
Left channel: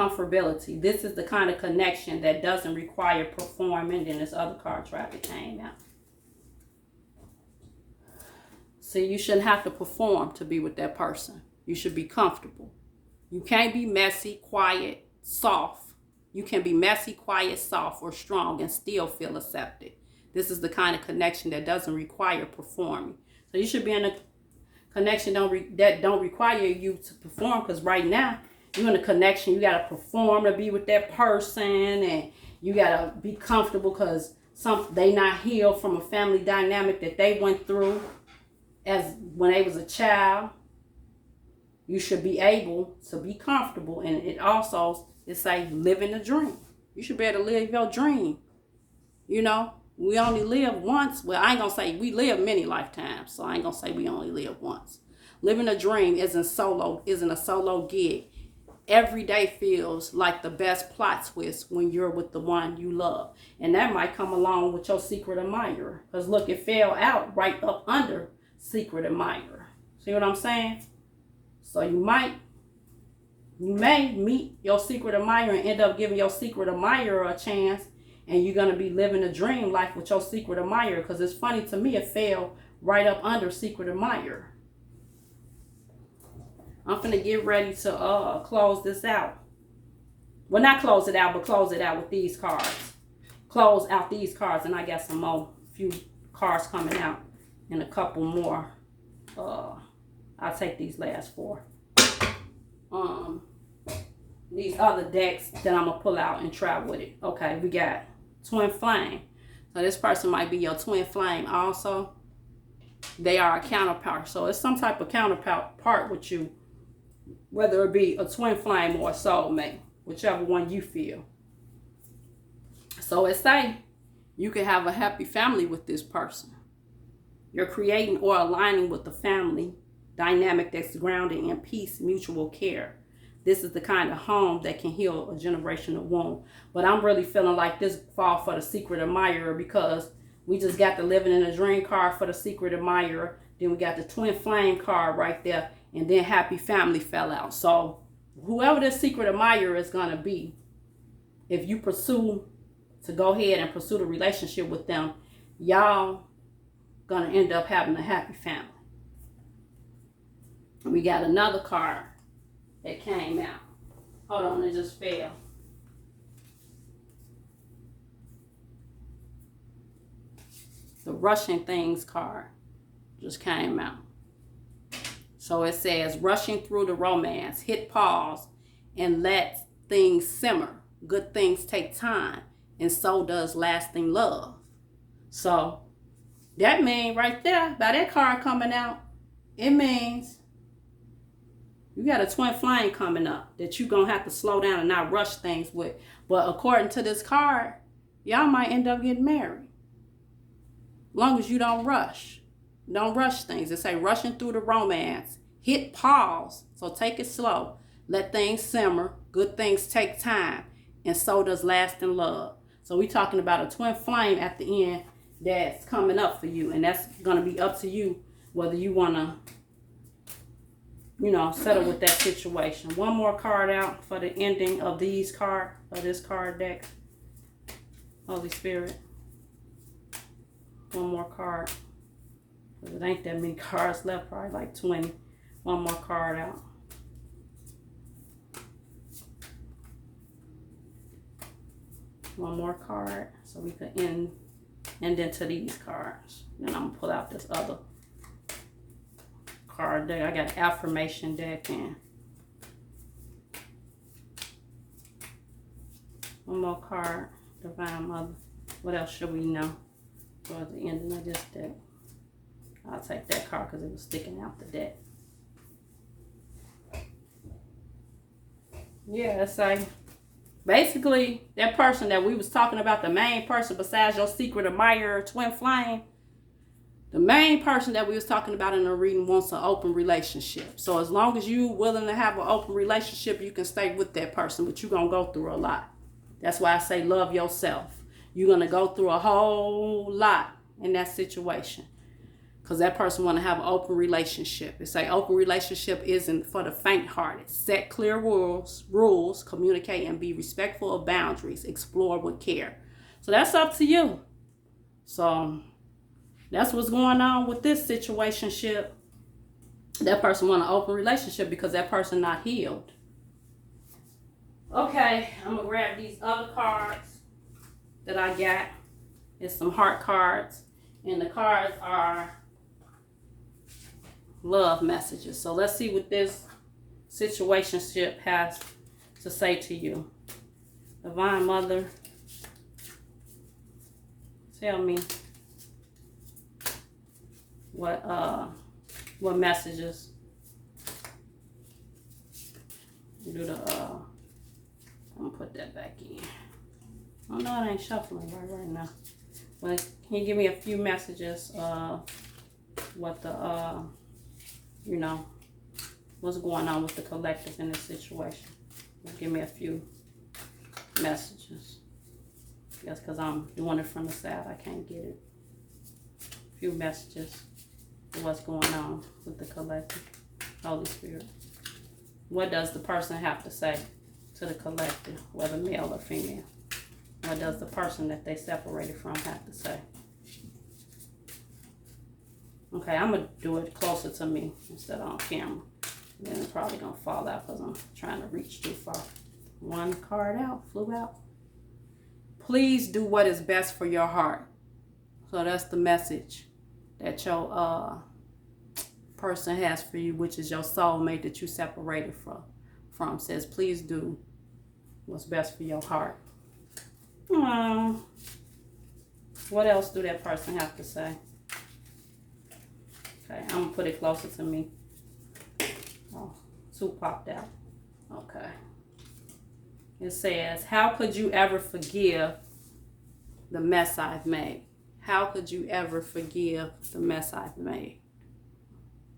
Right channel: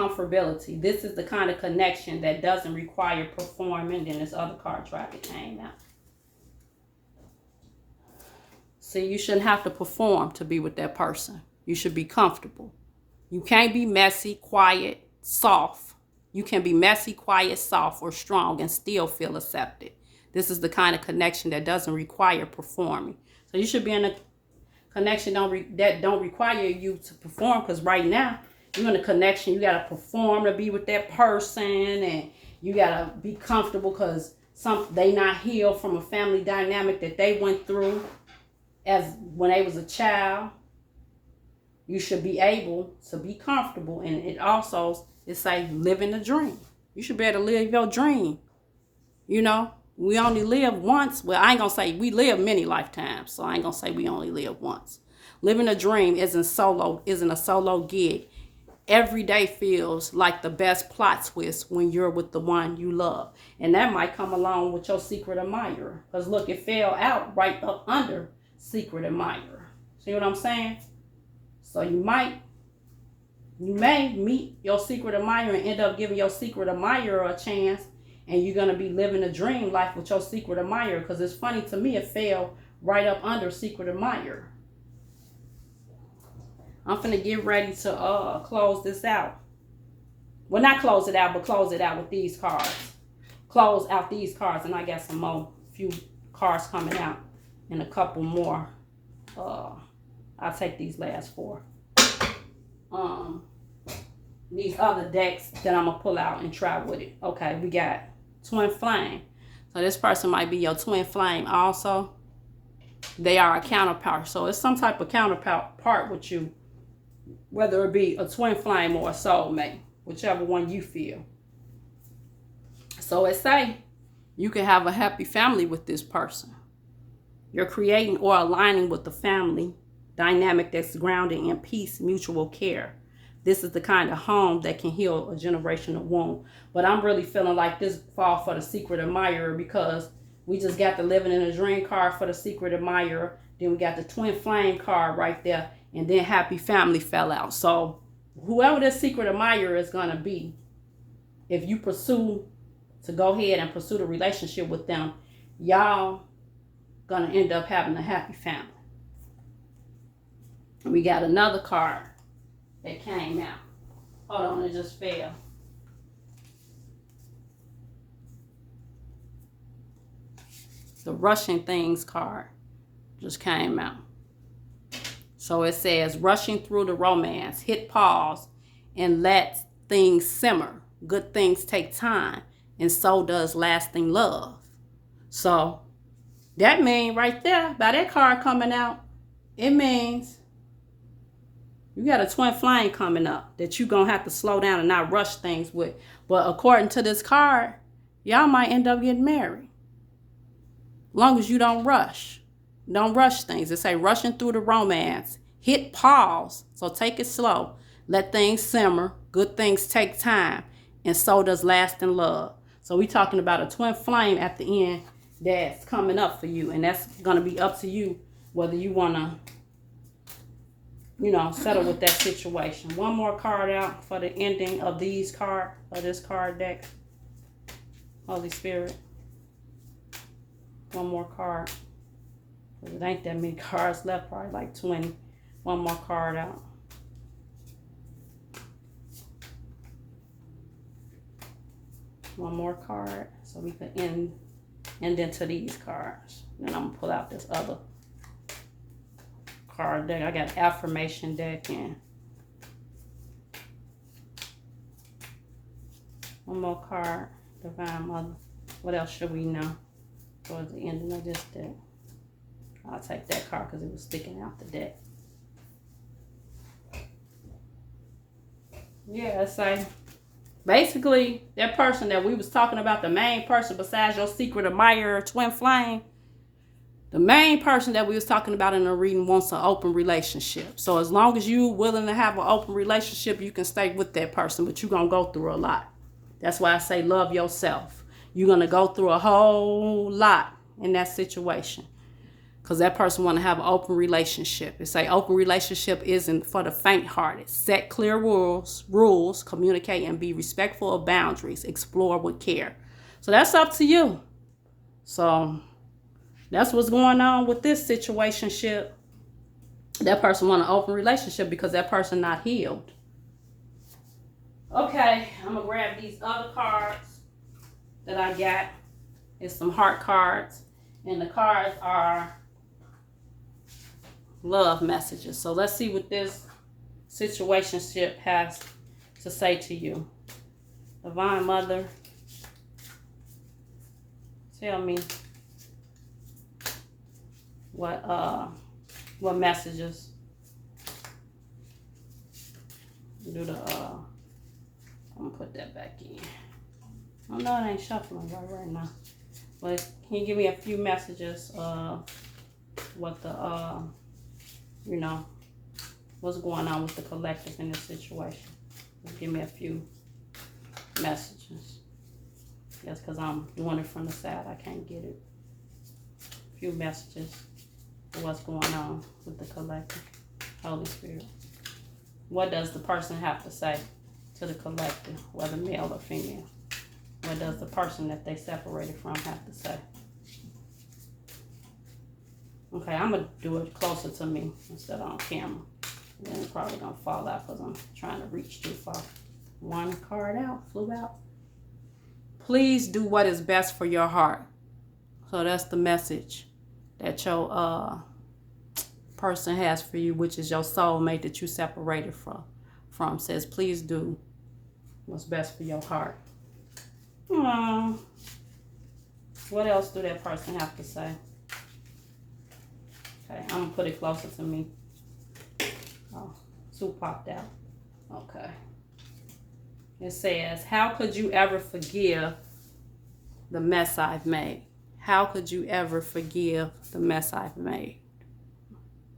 comfortability. This is the kind of connection that doesn't require performing. Then this other card tried to came out. See, you shouldn't have to perform to be with that person. You should be comfortable. You can't be messy, quiet, soft. You can be messy, quiet, soft, or strong and still feel accepted. This is the kind of connection that doesn't require performing. So you should be in a connection that don't require you to perform, because right now you're in a connection. You got to perform to be with that person, and you got to be comfortable because they not healed from a family dynamic that they went through as when they was a child. You should be able to be comfortable, and it also is like living a dream. You should be able to live your dream. You know, we only live once. Well, I ain't gonna say we live many lifetimes, so I ain't gonna say we only live once. Living a dream isn't a solo gig. Every day feels like the best plot twist when you're with the one you love, and that might come along with your secret admirer. Cause look, it fell out right up under secret admirer. See what I'm saying? So you may meet your secret admirer and end up giving your secret admirer a chance, and you're going to be living a dream life with your secret admirer, because it's funny to me, it fell right up under secret admirer. I'm finna get ready to close this out. Well, not close it out, but close it out with these cards. Close out these cards, and I got some more, few cards coming out and a couple more. I'll take these last 4. These other decks that I'm going to pull out and try with it. Okay, we got Twin Flame. So this person might be your twin flame also. They are a counterpart. So it's some type of counterpart with you, whether it be a twin flame or a soulmate, whichever one you feel. So it say you can have a happy family with this person. You're creating or aligning with the family dynamic that's grounded in peace, mutual care. This is the kind of home that can heal a generational wound. But I'm really feeling like this fall for the secret admirer, because we just got the living in a dream card for the secret admirer. Then we got the twin flame card right there. And then happy family fell out. So whoever this secret admirer is going to be, if you pursue to go ahead and pursue the relationship with them, y'all going to end up having a happy family. And we got another card that came out. Hold on, it just fell. The Rushing Things card just came out. So it says, rushing through the romance, hit pause and let things simmer. Good things take time, and so does lasting love. So that means right there, by that card coming out, it means you got a twin flame coming up that you're going to have to slow down and not rush things with. But according to this card, y'all might end up getting married. As long as you don't rush. Don't rush things. It say rushing through the romance. Hit pause. So take it slow. Let things simmer. Good things take time. And so does lasting love. So we're talking about a twin flame at the end that's coming up for you. And that's going to be up to you whether you want to, settle with that situation. One more card out for the ending of these cards, of this card deck. Holy Spirit. One more card. It ain't that many cards left, probably like 20. One more card out. One more card so we can end into these cards. Then I'm gonna pull out this other card deck. I got affirmation deck and one more card, Divine Mother. What else should we know towards the ending of this deck? I'll take that card because it was sticking out the deck. Yeah, it's like basically that person that we was talking about, the main person besides your secret admirer, twin flame, the main person that we was talking about in the reading wants an open relationship. So as long as you willing to have an open relationship, you can stay with that person, but you're going to go through a lot. That's why I say love yourself. You're going to go through a whole lot in that situation. because that person want to have an open relationship. It say open relationship isn't for the faint-hearted. Set clear rules, communicate, and be respectful of boundaries. Explore with care. So that's up to you. So that's what's going on with this situationship. That person want an open relationship because that person not healed. Okay, I'm going to grab these other cards that I got. It's some heart cards. And the cards are love messages. So let's see what this situationship has to say to you. Divine Mother, tell me what messages do the I'm gonna put that back in. Oh no, it ain't shuffling right now. But can you give me a few messages of what the what's going on with the collective in this situation? Give me a few messages. That's because I'm doing it from the side. I can't get it. A few messages of what's going on with the collective. Holy Spirit. What does the person have to say to the collective, whether male or female? What does the person that they separated from have to say? Okay, I'm going to do it closer to me instead of on camera. Then it's probably going to fall out because I'm trying to reach too far. One card out, flew out. Please do what is best for your heart. So that's the message that your person has for you, which is your soulmate that you separated from. Says, please do what's best for your heart. What else do that person have to say? Okay, I'm going to put it closer to me. Oh, two popped out. Okay. It says, how could you ever forgive the mess I've made? How could you ever forgive the mess I've made?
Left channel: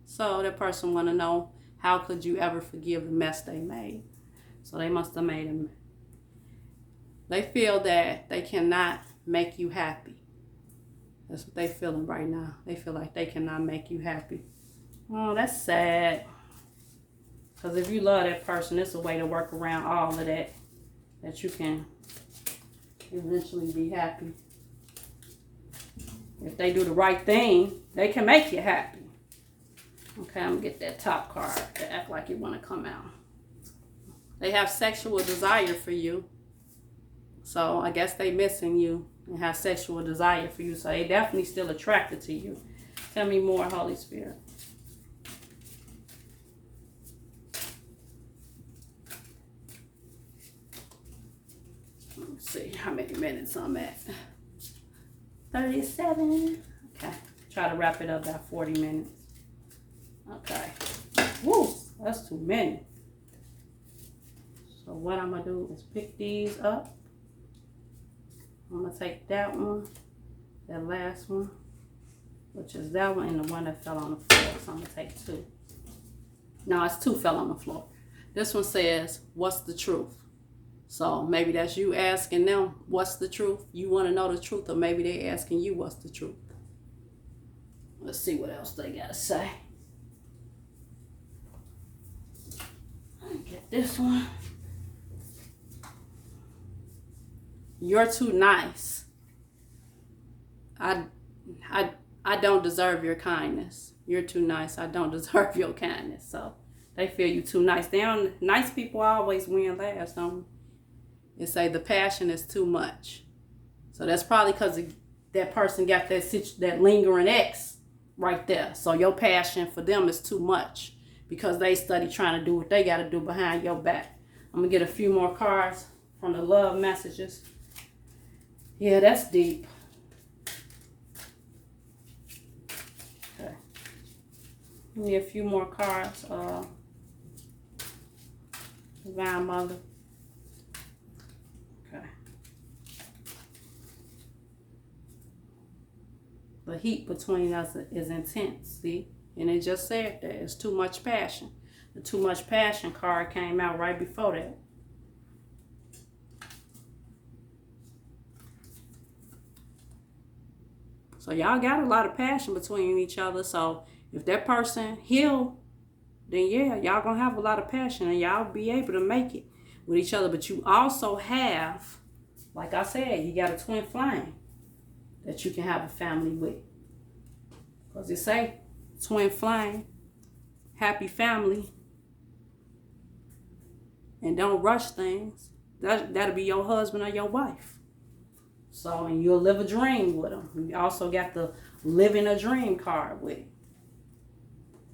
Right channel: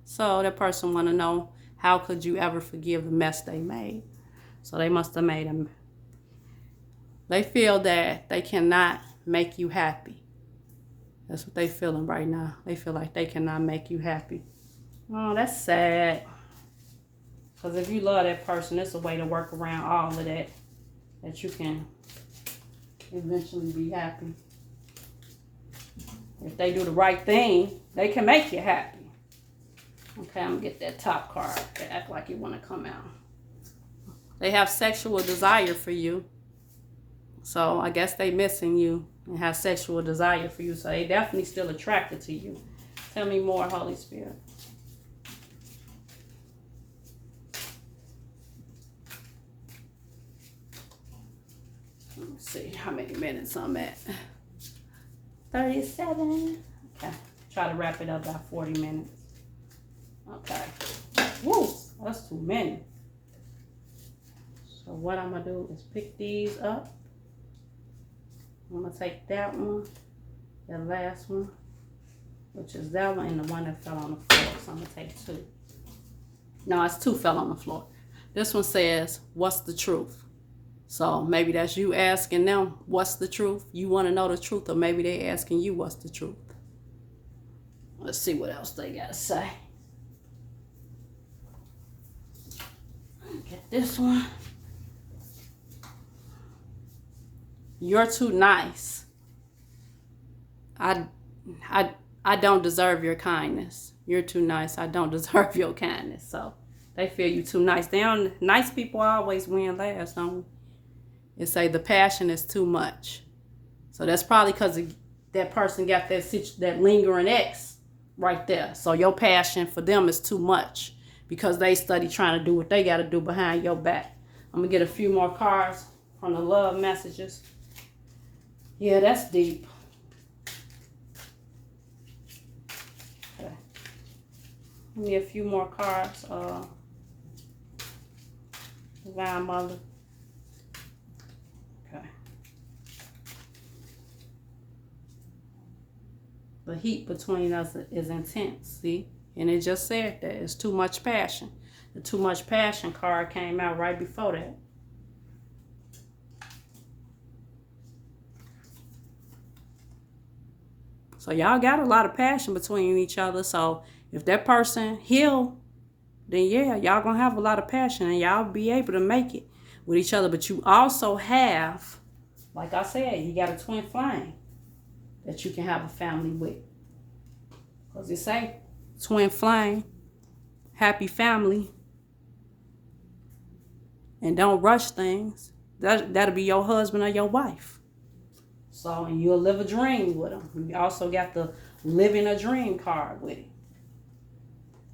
So that person want to know, how could you ever forgive the mess they made? So they must have made them. They feel that they cannot make you happy. That's what they feeling right now. They feel like they cannot make you happy. Oh, that's sad. Because if you love that person, it's a way to work around all of that you can eventually be happy. If they do the right thing, they can make you happy. Okay, I'm going to get that top card to act like you want to come out. They have sexual desire for you. So I guess they missing you and have sexual desire for you. So they definitely still attracted to you. Tell me more, Holy Spirit. Let's see how many minutes I'm at. 37. Okay. Try to wrap it up by 40 minutes. Okay. Woo! That's too many. So what I'm going to do is pick these up. I'm going to take that one, that last one, which is that one, and the one that fell on the floor. So I'm going to take two. No, it's two fell on the floor. This one says, what's the truth? So maybe that's you asking them, what's the truth? You want to know the truth, or maybe they're asking you, what's the truth? Let's see what else they got to say. Get this one. You're too nice. I don't deserve your kindness. You're too nice. I don't deserve your kindness. So they feel you too nice. Nice people always win last, don't they? It say the passion is too much. So that's probably because that person got that lingering ex right there. So your passion for them is too much because they study trying to do what they got to do behind your back. I'm going to get a few more cards from the love messages. Yeah, that's deep. Okay. Give me a few more cards. Divine Mother. Okay. The heat between us is intense, see? And it just said that. It's too much passion. The too much passion card came out right before that. So y'all got a lot of passion between each other. So if that person heal, then yeah, y'all gonna have a lot of passion and y'all be able to make it with each other. But you also have, like I said, you got a twin flame that you can have a family with. Because it say twin flame, happy family, and don't rush things. That'll be your husband or your wife. So, and you'll live a dream with them. You also got the living a dream card with it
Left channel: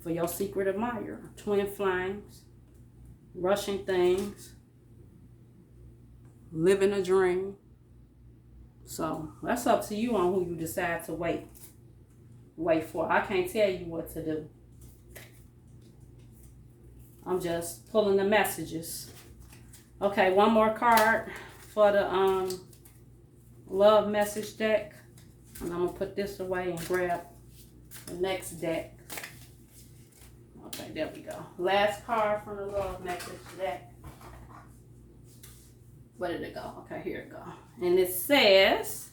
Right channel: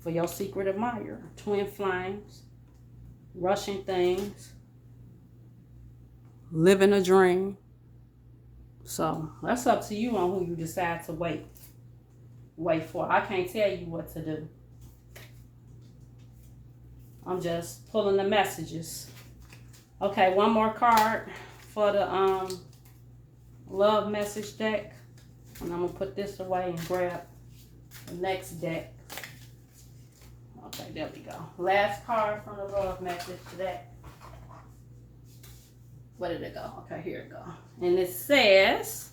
for your secret admirer. Twin flames, rushing things, living a dream. So that's up to you on who you decide to wait for. I can't tell you what to do. I'm just pulling the messages. Okay, one more card for the love message deck. And I'm going to put this away and grab the next deck. Okay, there we go. Last card from the love message deck. Where did it go? Okay, here it go. And it says,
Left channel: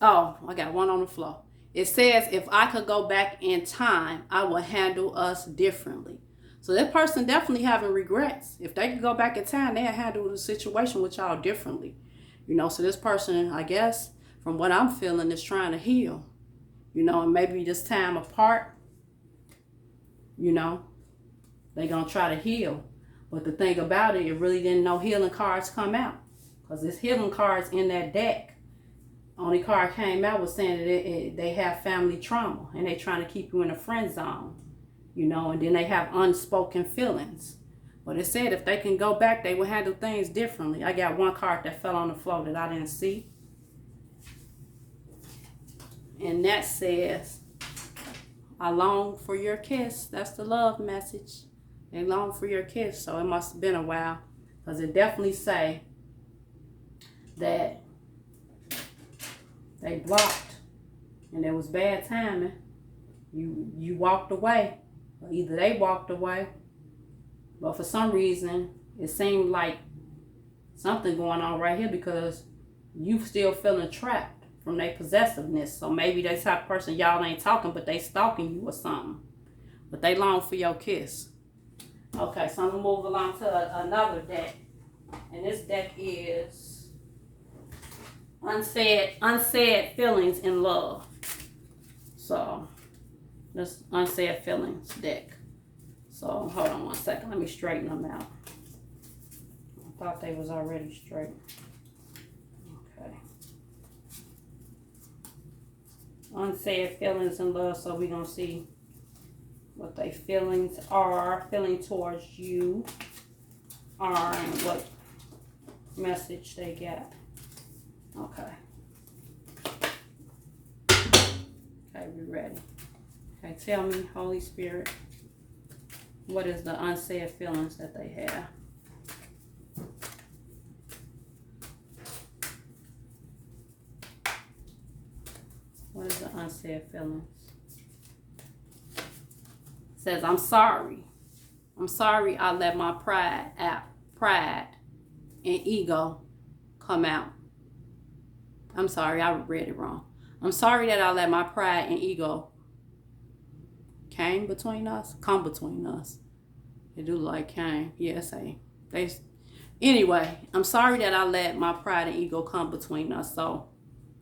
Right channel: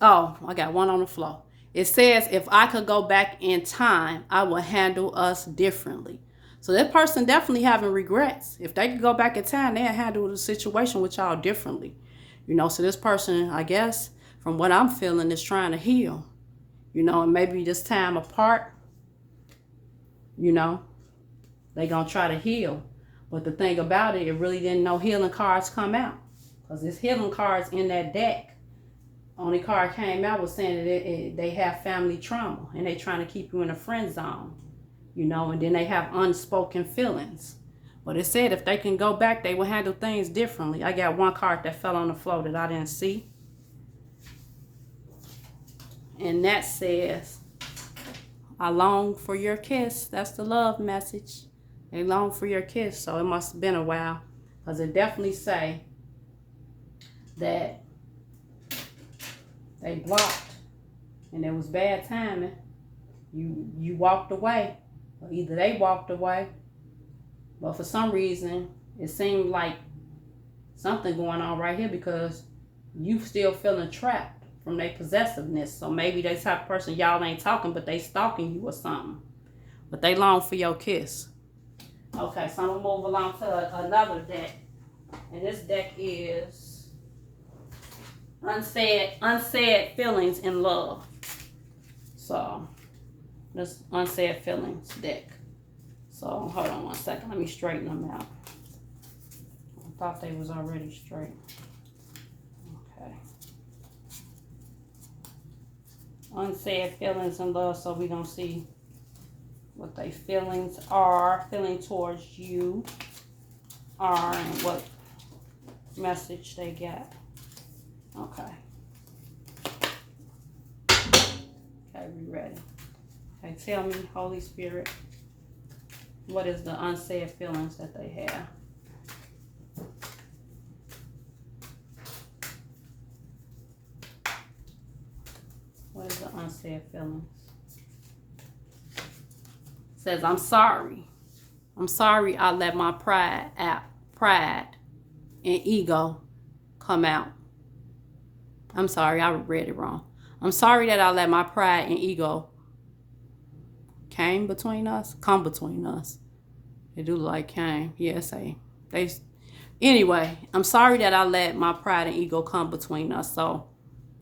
oh, I got one on the floor. It says, if I could go back in time, I would handle us differently. So that person definitely having regrets. If they could go back in time, they'd handle the situation with y'all differently. You know, so this person, I guess, from what I'm feeling, is trying to heal. You know, and maybe this time apart, you know, they going to try to heal. But the thing about it, it really didn't know healing cards come out. Because there's healing cards in that deck. Only card came out was saying that they have family trauma. And they trying to keep you in a friend zone. You know, and then they have unspoken feelings. But it said if they can go back, they will handle things differently. I got one card that fell on the floor that I didn't see. And that says, I long for your kiss. That's the love message. They long for your kiss. So it must have been a while. Because it definitely say that they blocked. And it was bad timing. You walked away. Or either they walked away. But for some reason, it seemed like something going on right here because you still feeling trapped from their possessiveness. So maybe they type of person, y'all ain't talking, but they stalking you or something. But they long for your kiss. Okay, so I'm going to move along to another deck. And this deck is Unsaid Feelings in Love. So, this Unsaid Feelings deck. So, hold on one second. Let me straighten them out. I thought they was already straight. Okay. Unsaid Feelings in Love. So, we're going to see what their feelings are. Feeling towards you are and what message they got. Okay. Okay, we ready. Okay, tell me, Holy Spirit, what is the unsaid feelings that they have? What is the unsaid feelings? It says, I'm sorry. I'm sorry I let my pride and ego come out. I'm sorry, I read it wrong. I'm sorry that I let my pride and ego come between us. They do like came. Yes, anyway, I'm sorry that I let my pride and ego come between us. So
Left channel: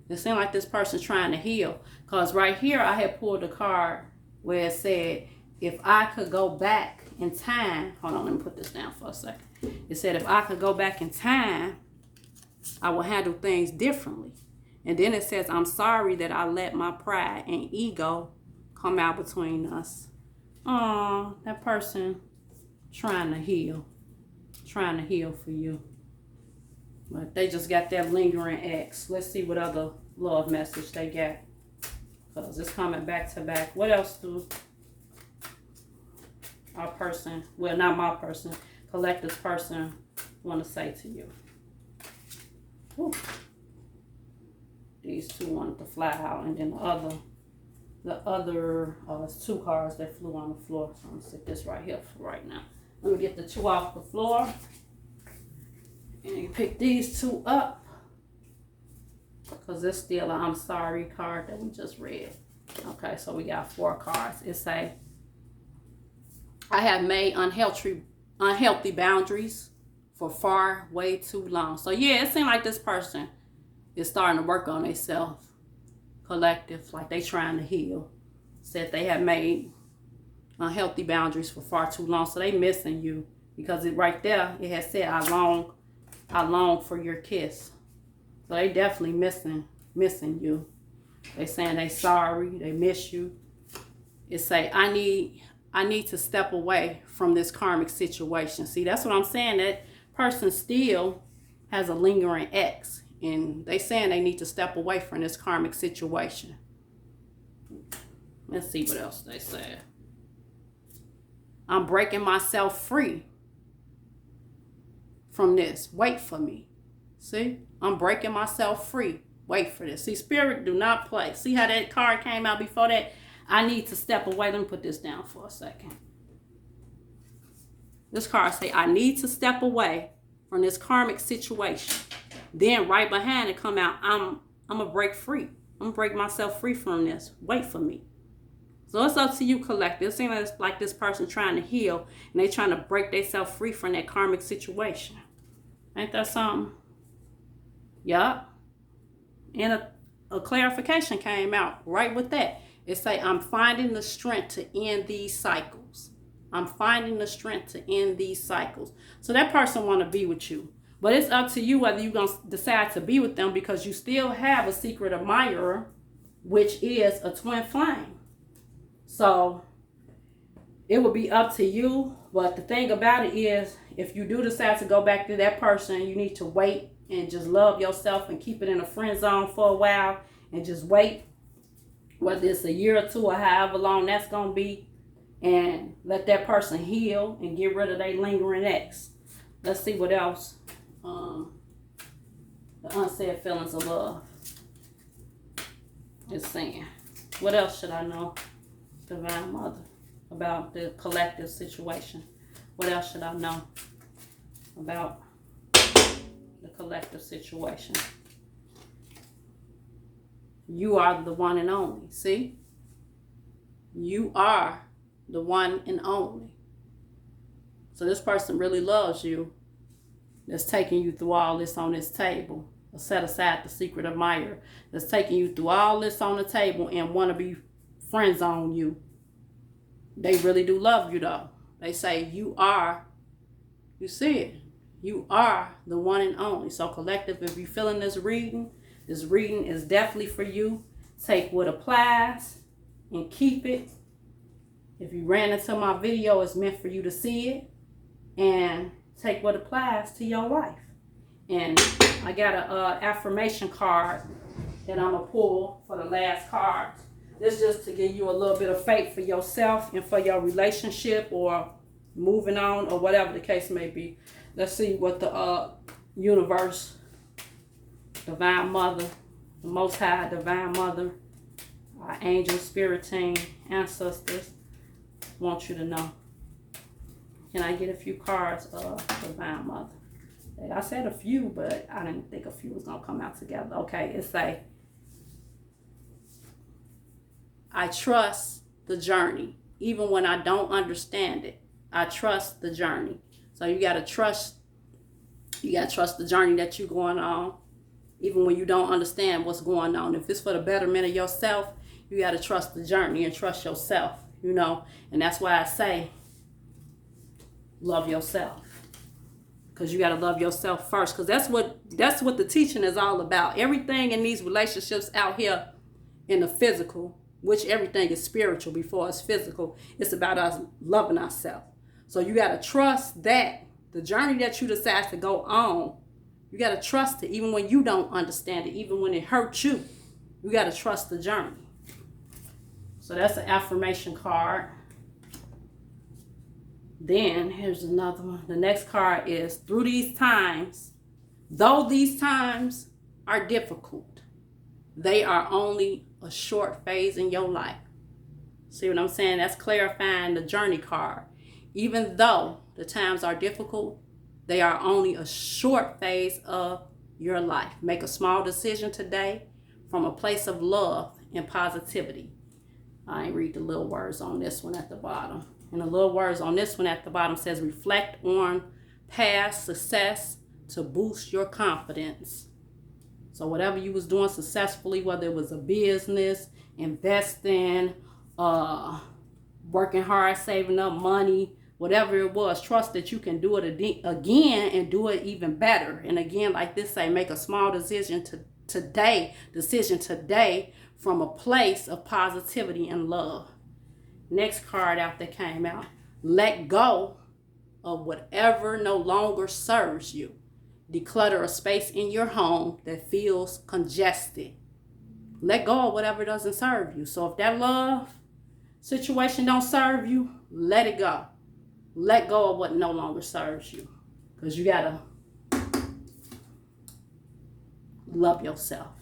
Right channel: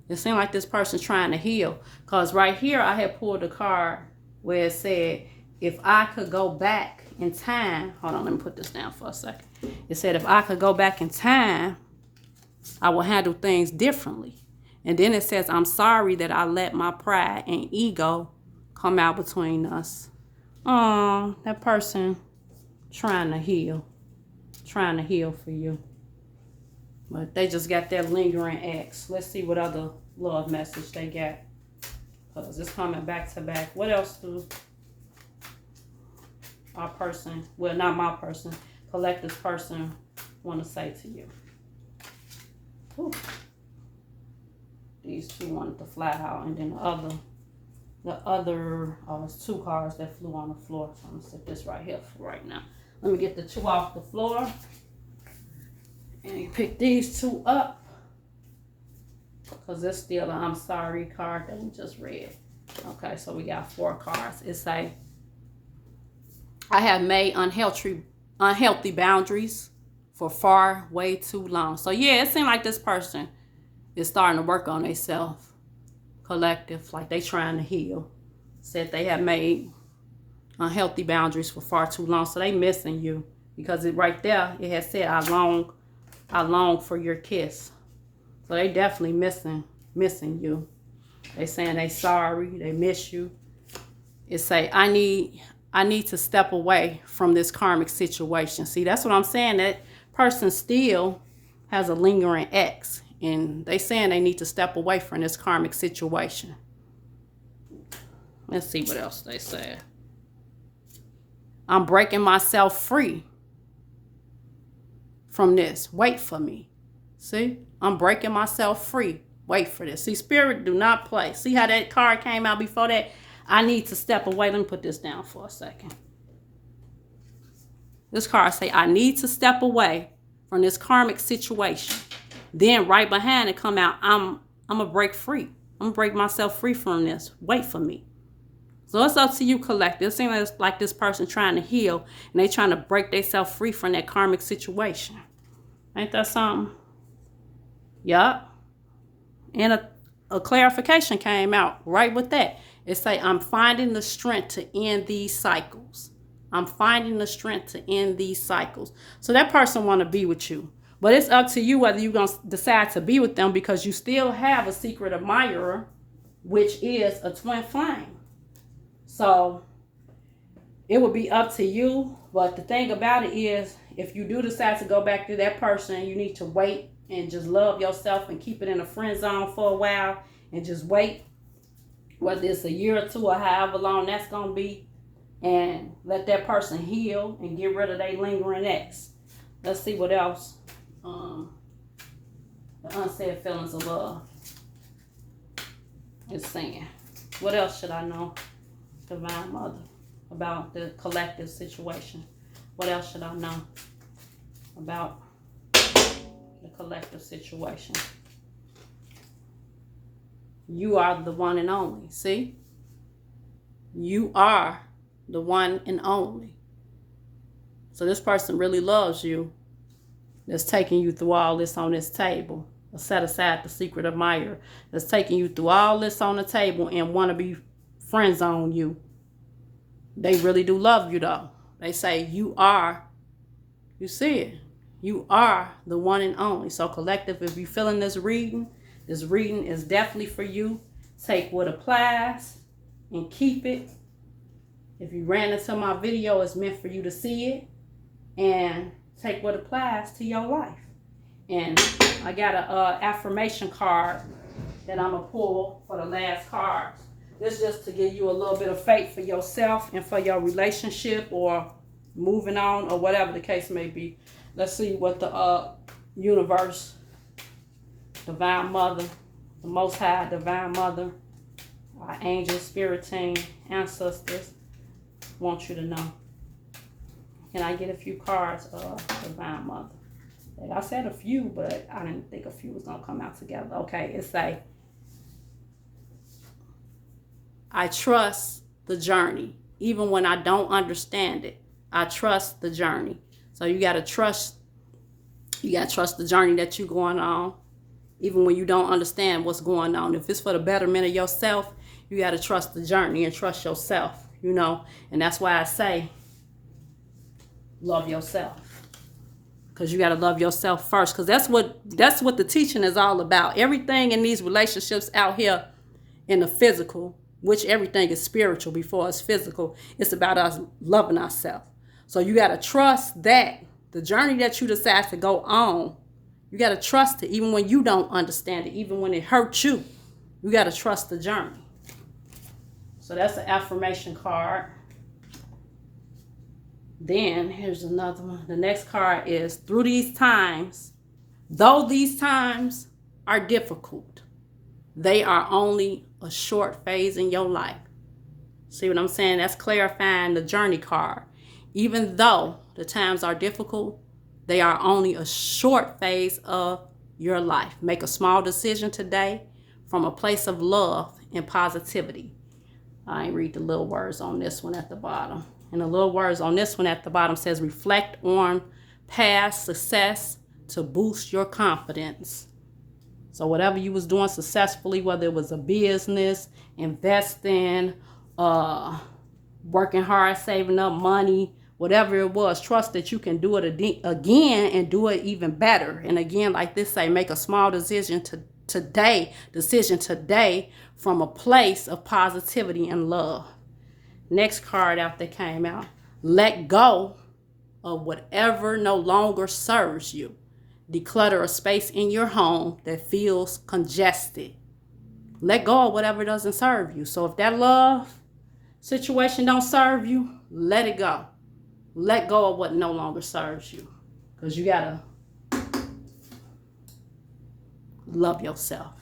it seemed like this person's trying to heal. Because right here I had pulled a card where it said, if I could go back in time, hold on, let me put this down for a second. It said, if I could go back in time, I will handle things differently. And then it says, I'm sorry that I let my pride and ego come out between us. Oh, that person trying to heal for you. But they just got that lingering X. Let's see what other love message they got. Because it's coming back to back. What else do our person, well, not my person, collective person want to say to you? Ooh. These two wanted to fly out, and then the other it's two cards that flew on the floor. So I'm gonna set this right here for right now. Let me get the two off the floor and pick these two up. because it's still an I'm sorry card that we just read. Okay, so we got 4 cards. It say, I have made unhealthy boundaries for far way too long. So yeah, it seems like this person is starting to work on themselves. Collective, like they trying to heal. Said they have made unhealthy boundaries for far too long. So they missing you, because it right there, it has said, I long for your kiss. So they definitely missing you. They saying they sorry, they miss you. It say, I need to step away from this karmic situation. See, that's what I'm saying. That person still has a lingering ex, and they saying they need to step away from this karmic situation. Let's see what else they say. I'm breaking myself free from this. Wait for me. See, I'm breaking myself free. Wait for this. See, Spirit do not play. See how that card came out before that? I need to step away. Let me put this down for a second. This card say, I need to step away from this karmic situation. Then right behind it come out, I'm going to break free. I'm going to break myself free from this. Wait for me. So it's up to you, collective. It seems like this person trying to heal, and they trying to break themselves free from that karmic situation. Ain't that something? Yup. And a clarification came out right with that. It say, I'm finding the strength to end these cycles. I'm finding the strength to end these cycles. So that person want to be with you. But it's up to you whether you're going to decide to be with them, because you still have a secret admirer, which is a twin flame. So it will be up to you. But the thing about it is, if you do decide to go back to that person, you need to wait and just love yourself and keep it in a friend zone for a while and just wait, whether it's a year or 2 or however long that's going to be, and let that person heal and get rid of their lingering ex. Let's see what else. The unsaid feelings of love is saying. What else should I know, Divine Mother, about the collective situation? What else should I know about the collective situation? You are the one and only. See? You are the one and only. So this person really loves you, that's taking you through all this on this table. Set aside the secret admirer that's taking you through all this on the table and want to be friends on you. They really do love you, though. They say you see it, you are the one and only. So collective, if you're feeling this reading is definitely for you. Take what applies and keep it. If you ran into my video, it's meant for you to see it and take what applies to your life. And I got a affirmation card that I'm going to pull for the last card. This just to give you a little bit of faith for yourself and for your relationship or moving on or whatever the case may be. Let's see what the universe, Divine Mother, the Most High Divine Mother, our angel, spirit team, ancestors want you to know. Can I get a few cards of Divine Mother? I said a few, but I didn't think a few was going to come out together. Okay, it's like, I trust the journey, even when I don't understand it. I trust the journey. So you got to trust the journey that you're going on, even when you don't understand what's going on. If it's for the betterment of yourself, you got to trust the journey and trust yourself, And that's why I say, love yourself. Because you got to love yourself first. Because that's what the teaching is all about. Everything in these relationships out here in the physical, which everything is spiritual before it's physical, it's about us loving ourselves. So you got to trust that the journey that you decide to go on, you got to trust it even when you don't understand it, even when it hurts you. You got to trust the journey. So that's an affirmation card. Then here's another one. The next card is, through these times, though these times are difficult, they are only a short phase in your life. See what I'm saying? That's clarifying the journey card. Even though the times are difficult, they are only a short phase of your life. Make a small decision today from a place of love and positivity. I ain't read the little words on this one at the bottom. And the little words on this one at the bottom says, reflect on past success to boost your confidence. So whatever you was doing successfully, whether it was a business, investing, working hard, saving up money, whatever it was, trust that you can do it again and do it even better. And again, like this say, make a small decision today from a place of positivity and love. Next card after came out, let go of whatever no longer serves you. Declutter a space in your home that feels congested. Let go of whatever doesn't serve you. So if that love situation don't serve you, let it go. Let go of what no longer serves you. Because you got to love yourself.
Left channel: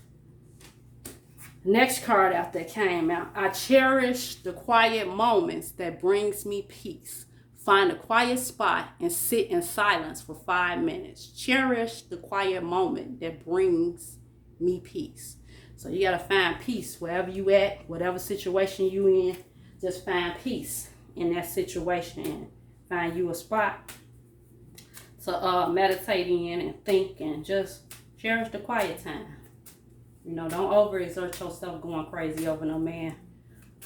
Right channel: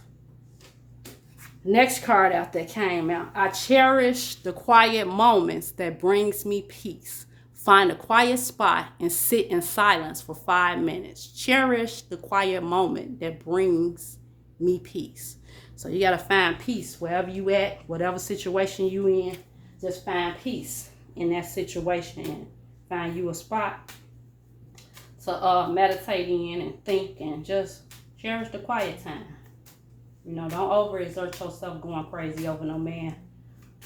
Next card out that came out. I cherish the quiet moments that brings me peace. Find a quiet spot and sit in silence for 5 minutes. Cherish the quiet moment that brings me peace. So you got to find peace wherever you at, whatever situation you in. Just find peace in that situation and find you a spot to meditate in and think and just cherish the quiet time. You know, don't overexert yourself going crazy over no man,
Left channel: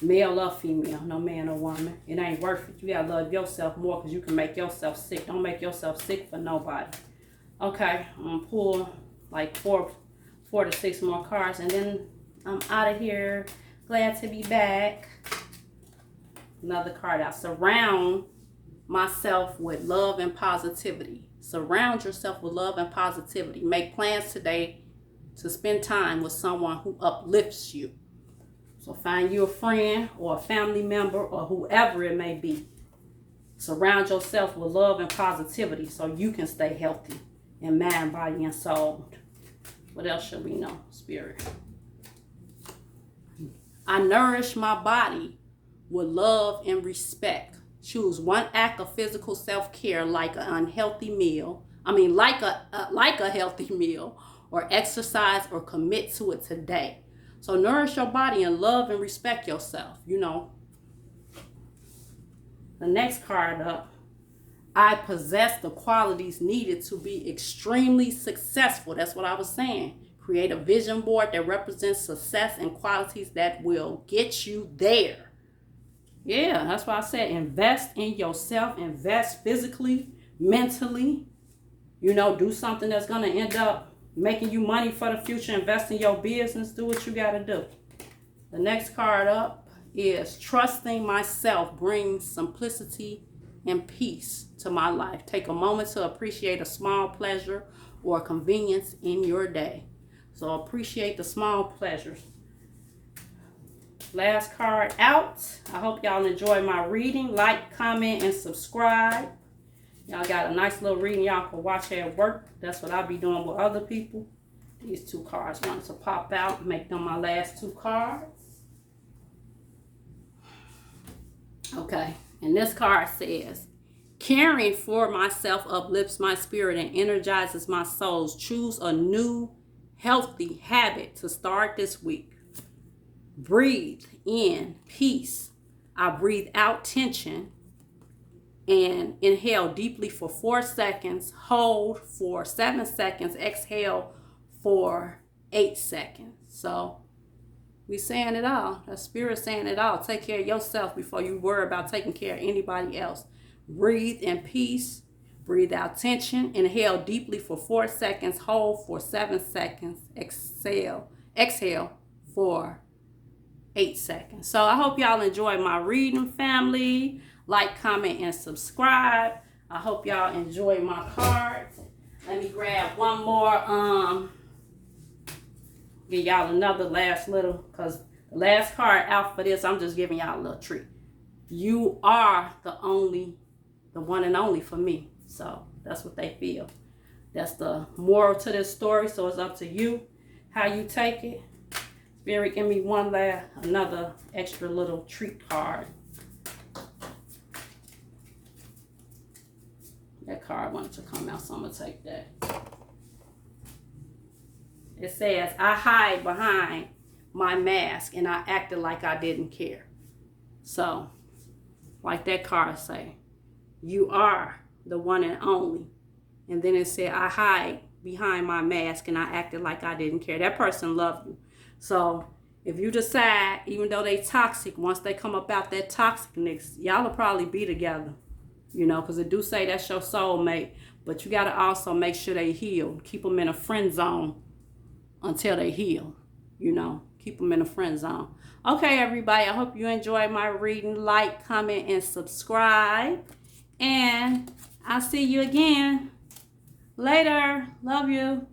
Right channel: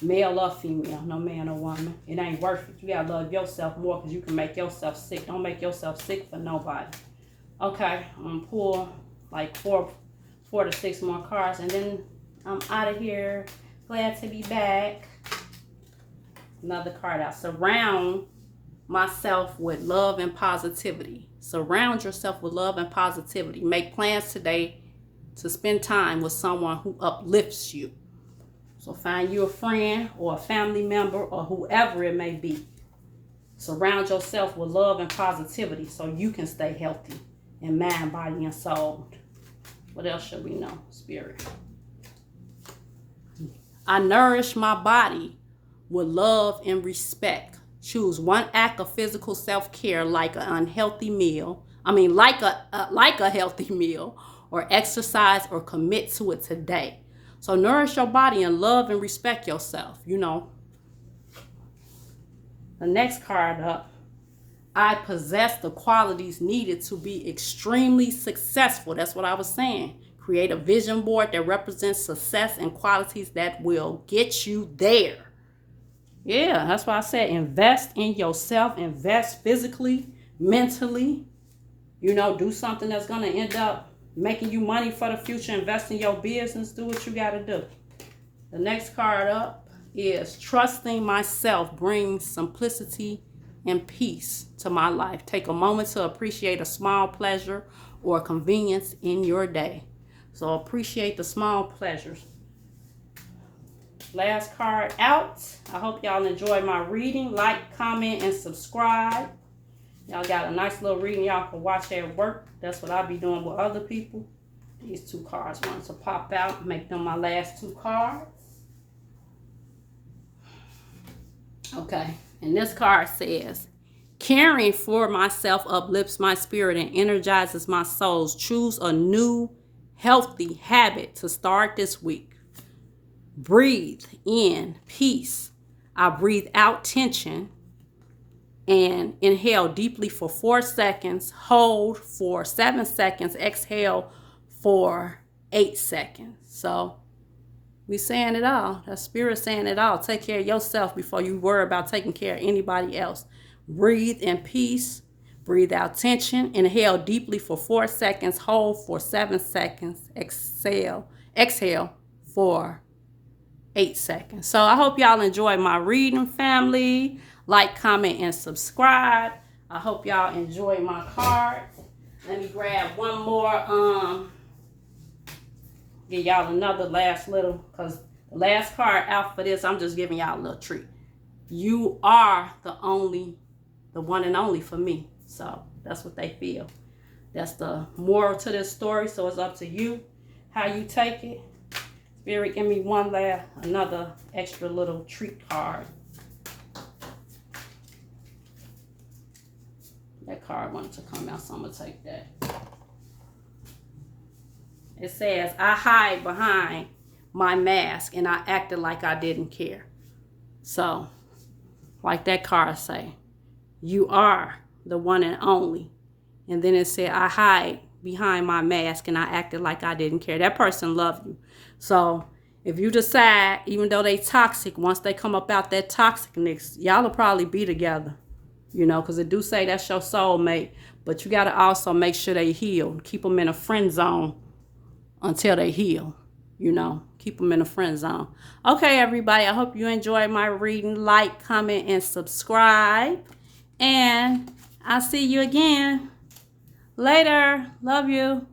male or female, no man or woman. It ain't worth it. You gotta love yourself more because you can make yourself sick. Don't make yourself sick for nobody. Okay, I'm gonna pull like four to six more cards and then I'm out of here. Glad to be back. Another card out. Surround myself with love and positivity. Surround yourself with love and positivity. Make plans today to spend time with someone who uplifts you. So find you a friend or a family member or whoever it may be. Surround yourself with love and positivity so you can stay healthy in mind, body, and soul. What else should we know, Spirit? I nourish my body with love and respect. Choose one act of physical self-care like a healthy meal, or exercise or commit to it today. So nourish your body and love and respect yourself, you know. The next card up, I possess the qualities needed to be extremely successful. That's what I was saying. Create a vision board that represents success and qualities that will get you there. Yeah, that's why I said invest in yourself. Invest physically, mentally. You know, do something that's going to end up making you money for the future. Invest in your business. Do what you got to do. The next card up is trusting myself brings simplicity and peace to my life. Take a moment to appreciate a small pleasure or convenience in your day. So appreciate the small pleasures. Last card out. I hope y'all enjoy my reading. Like, comment, and subscribe. Y'all got a nice little reading y'all can watch at work. That's what I'll be doing with other people. These two cards want to pop out and make them my last two cards. Okay, and this card says, caring for myself uplifts my spirit and energizes my soul. Choose a new healthy habit to start this week. Breathe in peace. I breathe out tension and inhale deeply for 4 seconds. Hold for 7 seconds. Exhale for 8 seconds. So we saying it all. That spirit saying it all. Take care of yourself before you worry about taking care of anybody else. Breathe in peace. Breathe out tension. Inhale deeply for 4 seconds. Hold for 7 seconds. Exhale for 8 seconds. So I hope y'all enjoy my reading, family. Like, comment, and subscribe. I hope y'all enjoy my cards. Let me grab one more. Give y'all another last little, because the last card out for this, I'm just giving y'all a little treat. You are the one and only for me. So that's what they feel. That's the moral to this story. So it's up to you how you take it. Spirit, give me another extra little treat card. That card wanted to come out, so I'm going to take that. It says, I hide behind my mask and I acted like I didn't care. So, like that card say, you are the one and only. And then it said, I hide behind my mask and I acted like I didn't care. That person loved you. So if you decide, even though they toxic, once they come up out that toxicness, y'all will probably be together. You know, because it do say that's your soulmate. But you got to also make sure they heal. Keep them in a friend zone until they heal. You know, keep them in a friend zone. Okay, everybody, I hope you enjoyed my reading. Like, comment, and subscribe. And I'll see you again later. Love you.